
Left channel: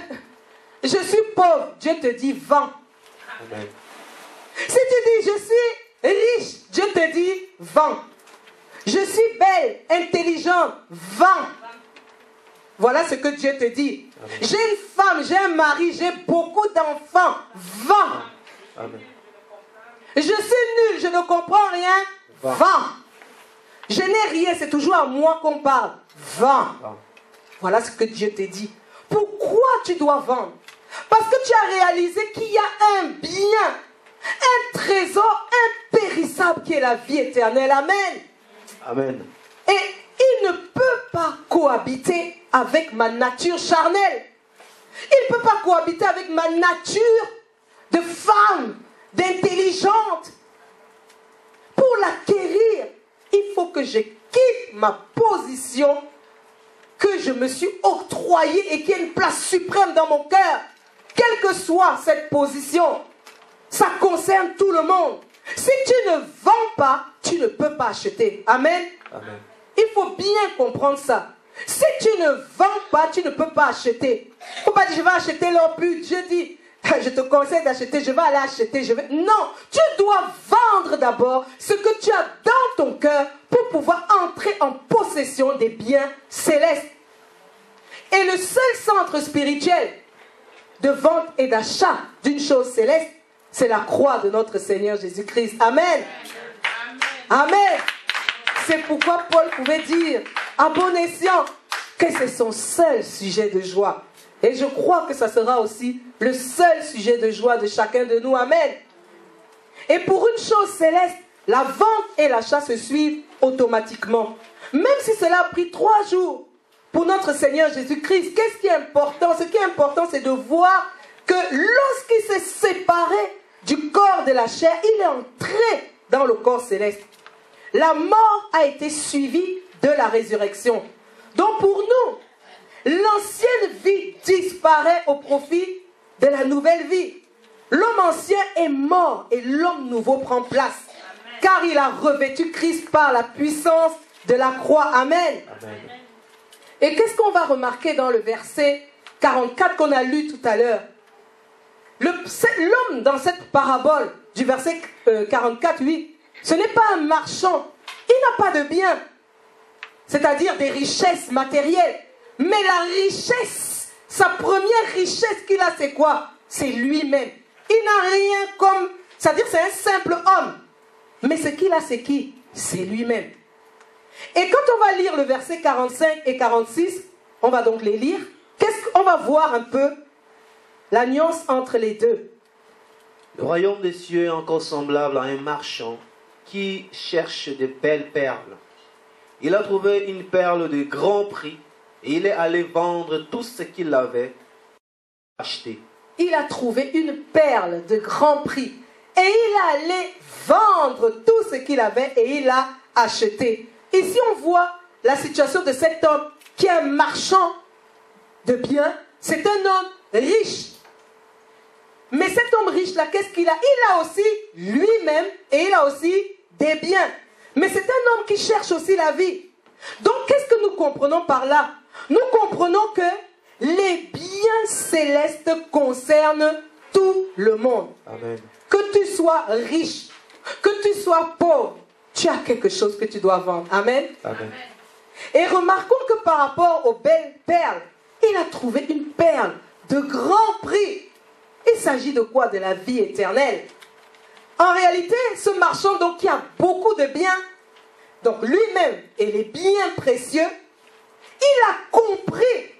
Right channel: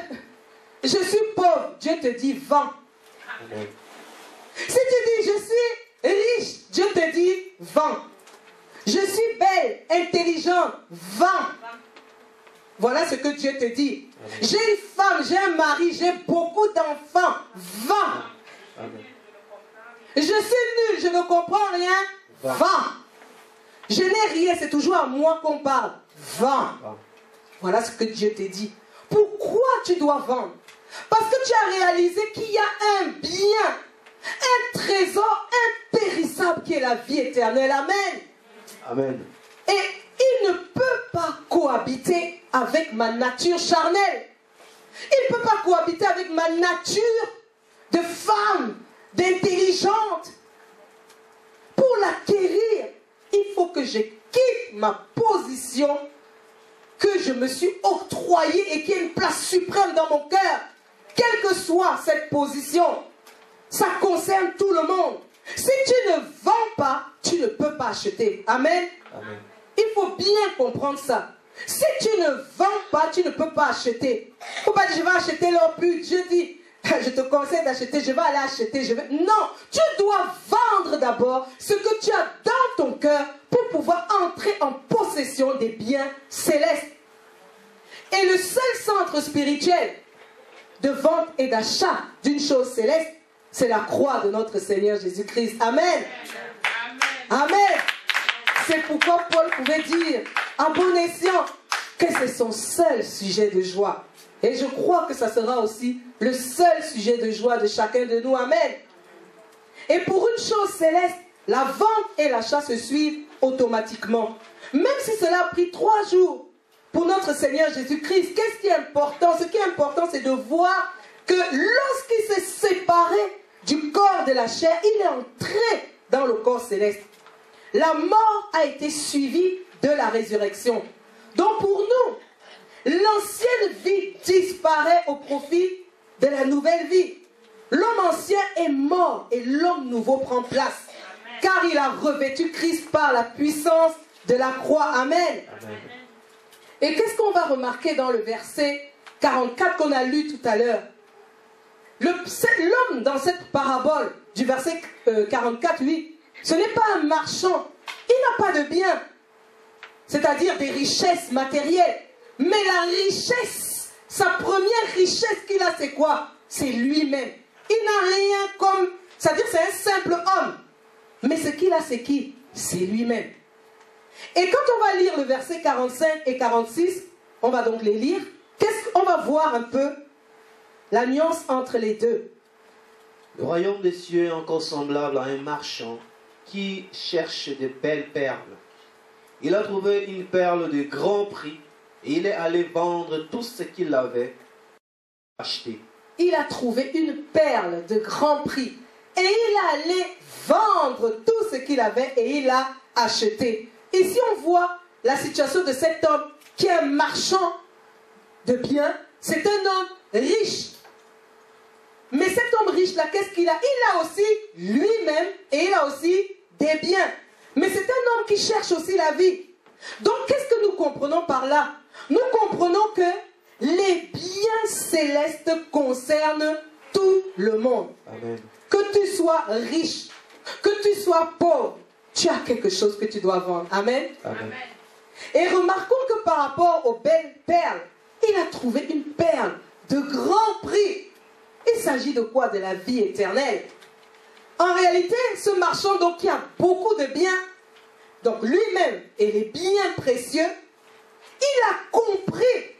je suis pauvre, Dieu te dit, vends. Amen. Si tu dis, je suis riche, Dieu te dit, vends. Je suis belle, intelligente, vends. Voilà ce que Dieu te dit. J'ai une femme, j'ai un mari, j'ai beaucoup d'enfants, vends. Amen. Je suis nul, je ne comprends rien, vends. Je n'ai rien, c'est toujours à moi qu'on parle, vends. Voilà ce que Dieu te dit. Pourquoi tu dois vendre? Parce que tu as réalisé qu'il y a un bien, un trésor impérissable qui est la vie éternelle. Amen. Amen. Et il ne peut pas cohabiter avec ma nature charnelle. Il ne peut pas cohabiter avec ma nature de femme, d'intelligente. Pour l'acquérir, il faut que je quitte ma position que je me suis octroyée et qui a une place suprême dans mon cœur. Quelle que soit cette position, ça concerne tout le monde. Si tu ne vends pas, tu ne peux pas acheter. Amen. Amen. Il faut bien comprendre ça. Si tu ne vends pas, tu ne peux pas acheter. Il ne faut pas dire, je vais acheter leur but. Dieu dit, je te conseille d'acheter, je vais aller acheter. Non, tu dois vendre d'abord ce que tu as dans ton cœur pour pouvoir entrer en possession des biens célestes. Et le seul centre spirituel de vente et d'achat d'une chose céleste, c'est la croix de notre Seigneur Jésus-Christ. Amen. Amen. C'est pourquoi Paul pouvait dire à bon escient que c'est son seul sujet de joie. Et je crois que ça sera aussi le seul sujet de joie de chacun de nous. Amen. Et pour une chose céleste, la vente et l'achat se suivent automatiquement. Même si cela a pris 3 jours pour notre Seigneur Jésus-Christ, qu'est-ce qui est important? Ce qui est important, c'est de voir que lorsqu'il s'est séparé du corps de la chair, il est entré dans le corps céleste. La mort a été suivie de la résurrection. Donc pour nous, l'ancienne vie disparaît au profit de la nouvelle vie. L'homme ancien est mort et l'homme nouveau prend place. Car il a revêtu Christ par la puissance de la croix. Amen. Amen. Et qu'est-ce qu'on va remarquer dans le verset 44 qu'on a lu tout à l'heure? L'homme dans cette parabole du verset 44, lui, ce n'est pas un marchand. Il n'a pas de bien. c'est-à-dire des richesses matérielles. Mais la richesse, sa première richesse qu'il a, c'est quoi? C'est lui-même. Il n'a rien comme, c'est-à-dire c'est un simple homme. Mais ce qu'il a, c'est qui? C'est lui-même. Et quand on va lire le verset 45 et 46, on va donc les lire, on va voir un peu la nuance entre les deux. Le royaume des cieux est encore semblable à un marchand qui cherche de belles perles. Il a trouvé une perle de grand prix et il est allé vendre tout ce qu'il avait acheté. Il a trouvé une perle de grand prix et il est allé vendre tout ce qu'il avait et il a acheté. Ici on voit la situation de cet homme qui est un marchand de biens. C'est un homme riche. Mais cet homme riche-là, qu'est-ce qu'il a? Il a aussi lui-même et il a aussi des biens. Mais c'est un homme qui cherche aussi la vie. Donc, qu'est-ce que nous comprenons par là? Nous comprenons que les biens célestes concernent tout le monde. Amen. Que tu sois riche, que tu sois pauvre, tu as quelque chose que tu dois vendre. Amen. Amen. Et remarquons que par rapport aux belles perles, il a trouvé une perle de grand prix. Il s'agit de quoi? De la vie éternelle. En réalité, ce marchand donc qui a beaucoup de biens, donc lui-même et les biens précieux, il a compris,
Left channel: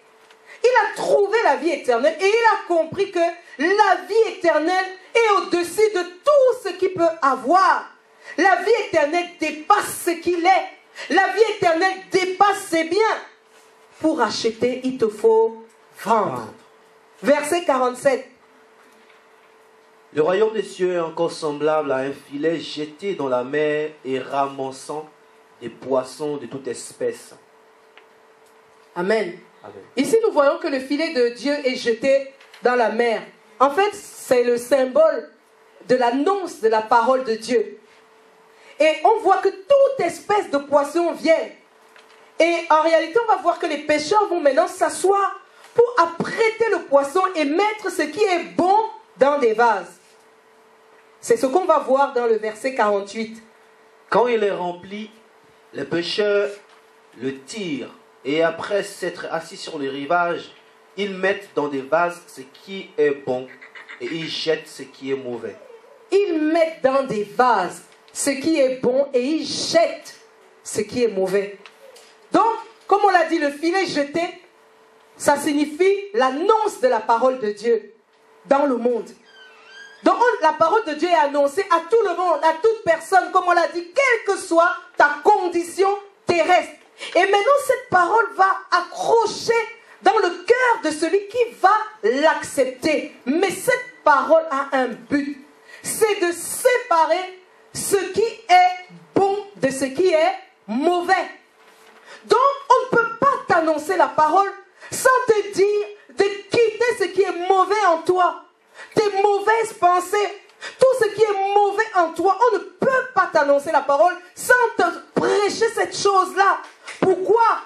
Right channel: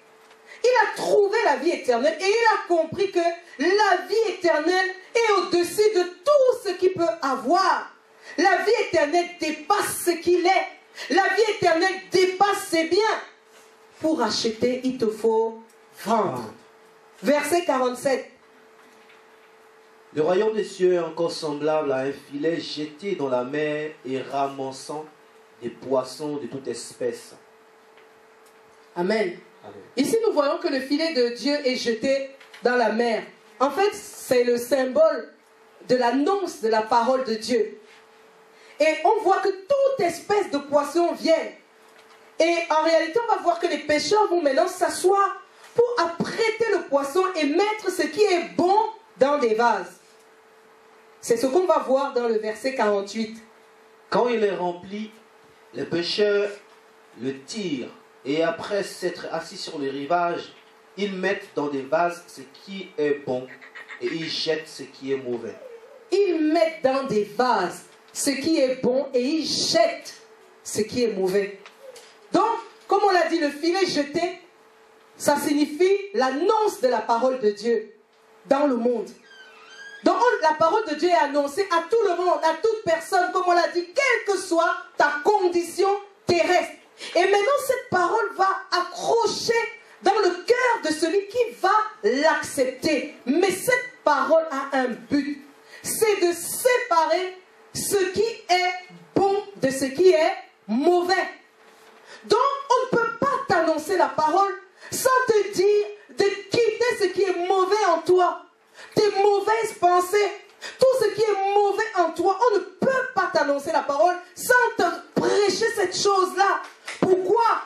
il a trouvé la vie éternelle et il a compris que la vie éternelle est au-dessus de tout ce qu'il peut avoir. La vie éternelle dépasse ce qu'il est. La vie éternelle dépasse ses biens. Pour acheter, il te faut vendre. Verset 47. Le royaume des cieux est encore semblable à un filet jeté dans la mer et ramassant des poissons de toute espèce. Amen. Amen. Ici, nous voyons que le filet de Dieu est jeté dans la mer. En fait, c'est le symbole de l'annonce de la parole de Dieu. Et on voit que toute espèce de poisson vient. Et en réalité, on va voir que les pêcheurs vont maintenant s'asseoir pour apprêter le poisson et mettre ce qui est bon dans des vases. C'est ce qu'on va voir dans le verset 48. Quand il est rempli, les pêcheurs le tirent et après s'être assis sur le rivage, ils mettent dans des vases ce qui est bon et ils jettent ce qui est mauvais. Ils mettent dans des vases ce qui est bon et ils jettent ce qui est mauvais. Donc, comme on l'a dit, le filet jeté, ça signifie l'annonce de la parole de Dieu dans le monde. Donc, la parole de Dieu est annoncée à tout le monde, à toute personne, comme on l'a dit, quelle que soit ta condition terrestre. Et maintenant, cette parole va accrocher dans le cœur de celui qui va l'accepter. Mais cette parole a un but. C'est de séparer ce qui est bon de ce qui est mauvais. Donc, on ne peut pas t'annoncer la parole sans te dire de quitter ce qui est mauvais en toi. Tes mauvaises pensées, tout ce qui est mauvais en toi, on ne peut pas t'annoncer la parole sans te prêcher cette chose-là. Pourquoi?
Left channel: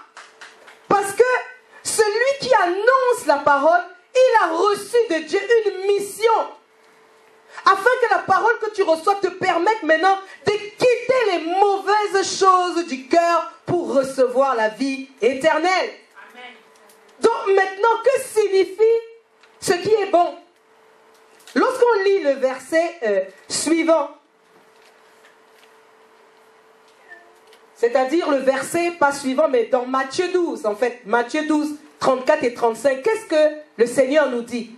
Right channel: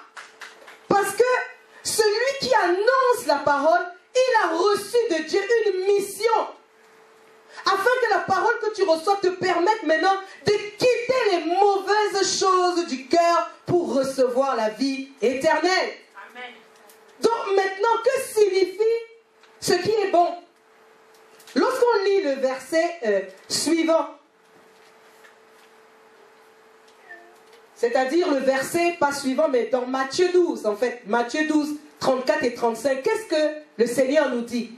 Parce que celui qui annonce la parole, il a reçu de Dieu une mission. Afin que la parole que tu reçois te permette maintenant de quitter les mauvaises choses du cœur pour recevoir la vie éternelle. Amen. Donc maintenant, que signifie ce qui est bon? Lorsqu'on lit le verset suivant, c'est-à-dire le verset, pas suivant, mais dans Matthieu 12, en fait, Matthieu 12, 34 et 35, qu'est-ce que le Seigneur nous dit?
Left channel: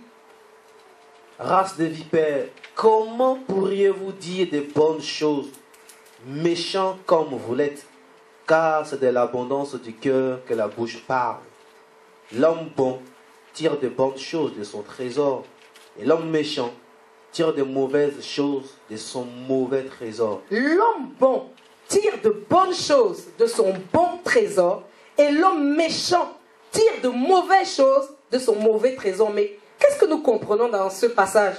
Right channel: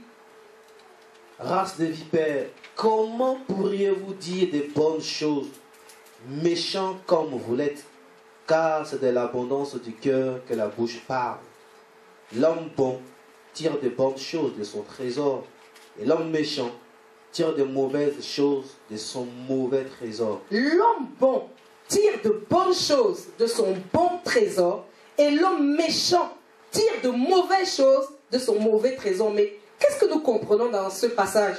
Race de vipères, comment pourriez-vous dire de bonnes choses, méchants comme vous l'êtes? Car c'est de l'abondance du cœur que la bouche parle. L'homme bon tire de bonnes choses de son trésor, et l'homme méchant tire de mauvaises choses de son mauvais trésor. L'homme bon tire de bonnes choses de son bon trésor, et l'homme méchant tire de mauvaises choses de son mauvais trésor. Mais qu'est-ce que nous comprenons dans ce passage?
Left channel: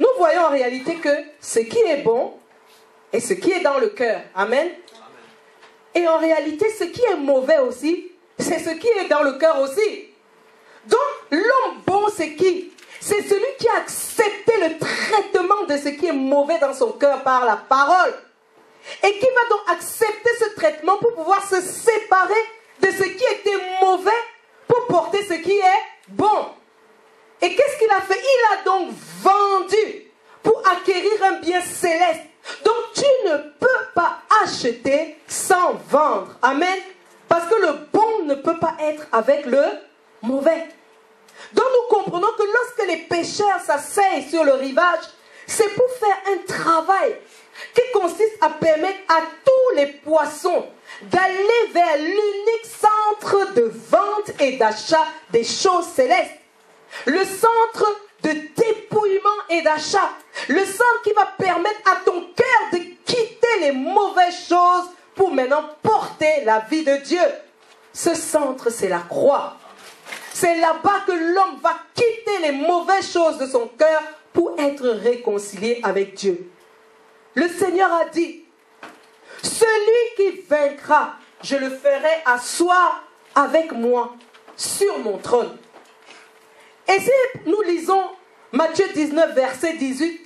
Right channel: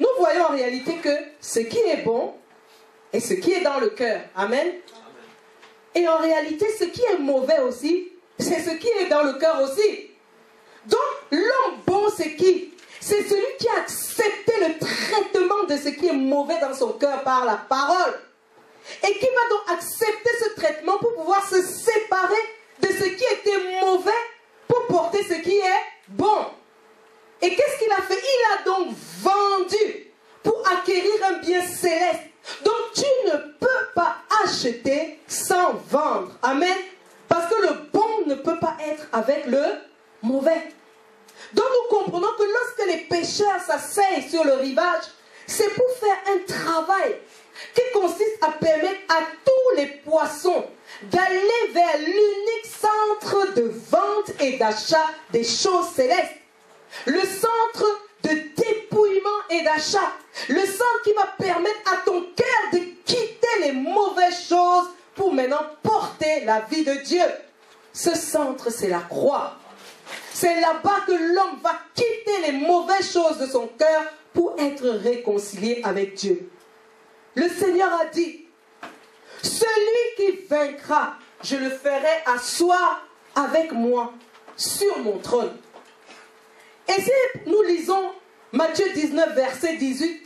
Nous voyons en réalité que ce qui est bon est ce qui est dans le cœur. Amen. Et en réalité, ce qui est mauvais aussi, c'est ce qui est dans le cœur aussi. Donc, l'homme bon, c'est qui? C'est celui qui a accepté le traitement de ce qui est mauvais dans son cœur par la parole. et qui va donc accepter ce traitement pour pouvoir se séparer de ce qui était mauvais pour porter ce qui est bon. Et qu'est-ce qu'il a fait? Il a donc vendu pour acquérir un bien céleste. Donc tu ne peux pas acheter sans vendre. Amen. Parce que le bon ne peut pas être avec le mauvais. Donc nous comprenons que lorsque les pêcheurs s'asseyent sur le rivage, c'est pour faire un travail qui consiste à permettre à tous les poissons d'aller vers l'unique centre de vente et d'achat des choses célestes. Le centre de dépouillement et d'achat. Le centre qui va permettre à ton cœur de quitter les mauvaises choses pour maintenant porter la vie de Dieu. Ce centre, c'est la croix. C'est là-bas que l'homme va quitter les mauvaises choses de son cœur pour être réconcilié avec Dieu. Le Seigneur a dit, celui qui vaincra, je le ferai asseoir avec moi sur mon trône. Et si nous lisons Matthieu 19, verset 18,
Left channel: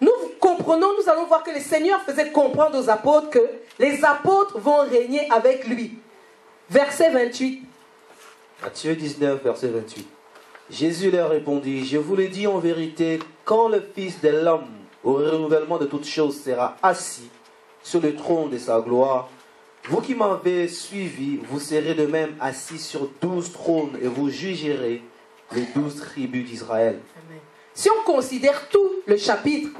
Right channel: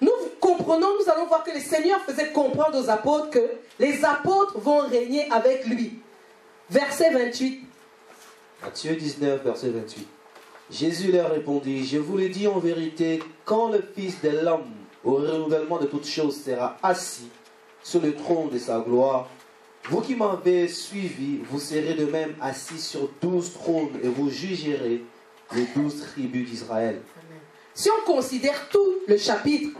nous comprenons, nous allons voir que le Seigneur faisait comprendre aux apôtres que les apôtres vont régner avec lui. Verset 28. Matthieu 19, verset 28. Jésus leur répondit, je vous le dis en vérité, quand le Fils de l'homme, au renouvellement de toutes choses, sera assis sur le trône de sa gloire, vous qui m'avez suivi, vous serez de même assis sur 12 trônes et vous jugerez les 12 tribus d'Israël. Si on considère tout le chapitre,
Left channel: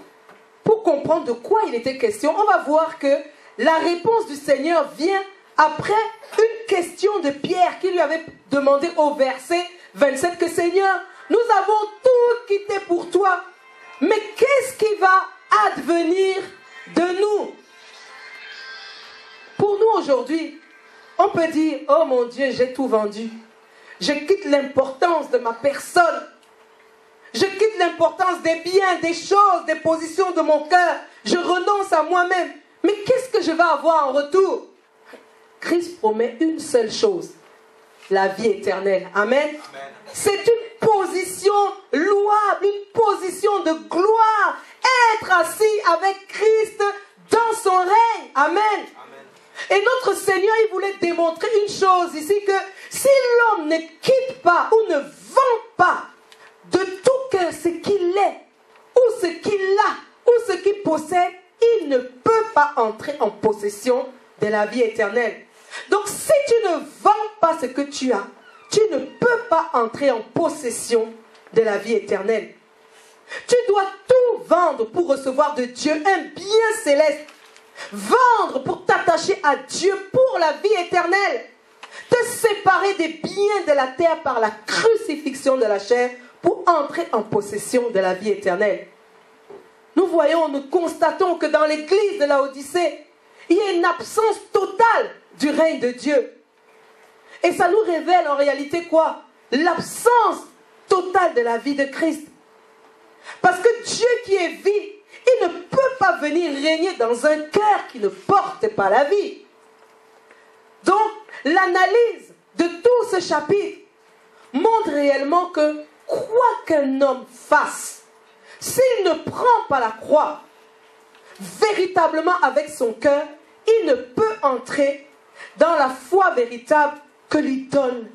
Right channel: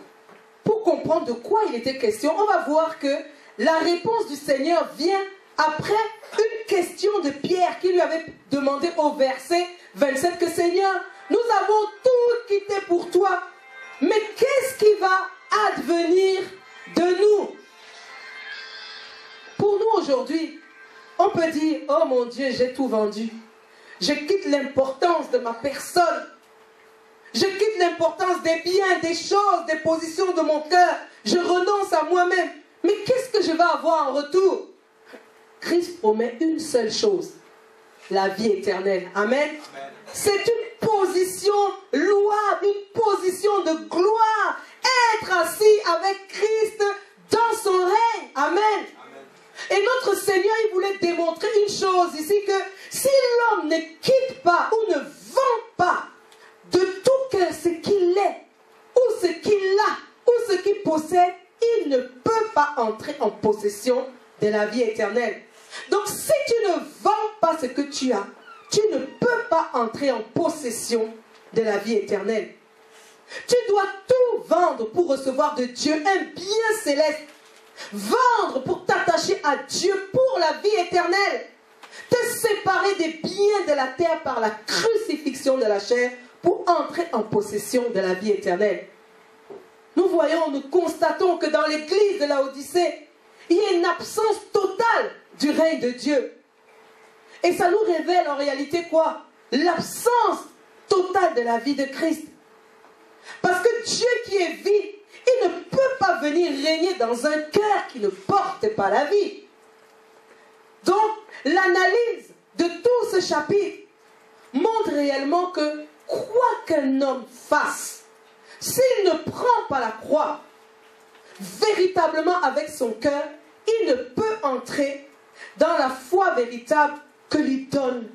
pour comprendre de quoi il était question, on va voir que la réponse du Seigneur vient après une question de Pierre qui lui avait demandé au verset 27 que Seigneur, nous avons tout quitté pour toi, mais qu'est-ce qui va advenir de nous? Pour nous aujourd'hui, on peut dire, oh mon Dieu, j'ai tout vendu. Je quitte l'importance de ma personne. Je quitte l'importance des biens, des choses, des positions de mon cœur. Je renonce à moi-même. Mais qu'est-ce que je vais avoir en retour? Christ promet une seule chose, la vie éternelle. Amen. Amen. C'est une position louable, une position de gloire. Être assis avec Christ dans son règne. Amen. Amen. Et notre Seigneur, il voulait démontrer une chose ici, que si l'homme ne quitte pas ou ne vend pas de tout cœur ce qu'il est, ou ce qu'il a, ou ce qu'il possède, il ne peut pas entrer en possession de la vie éternelle. Donc si tu ne vends pas ce que tu as, tu ne peux pas entrer en possession de la vie éternelle. Tu dois tout vendre pour recevoir de Dieu un bien céleste. Vendre pour t'attacher à Dieu pour la vie éternelle. Te séparer des biens de la terre par la crucifixion de la chair pour entrer en possession de la vie éternelle. Nous voyons, nous constatons que dans l'église de Laodicée, il y a une absence totale du règne de Dieu. Et ça nous révèle en réalité quoi? L'absence totale de la vie de Christ. Parce que Dieu qui est vie, il ne peut pas venir régner dans un cœur qui ne porte pas la vie. Donc, l'analyse de tout ce chapitre montre réellement que quoi qu'un homme fasse, s'il ne prend pas la croix véritablement avec son cœur, il ne peut entrer dans la foi véritable qui lui donne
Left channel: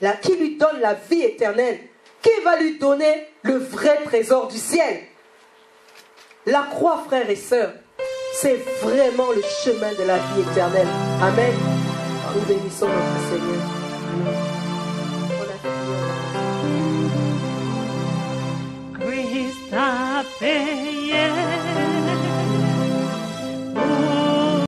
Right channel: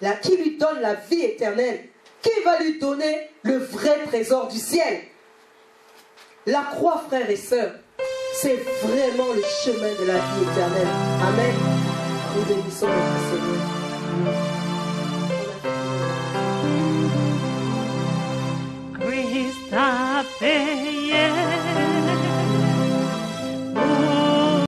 la vie éternelle, qui va lui donner le vrai trésor du ciel. La croix, frères et sœurs, c'est vraiment le chemin de la vie éternelle. Amen. Nous bénissons notre Seigneur. Christ a paid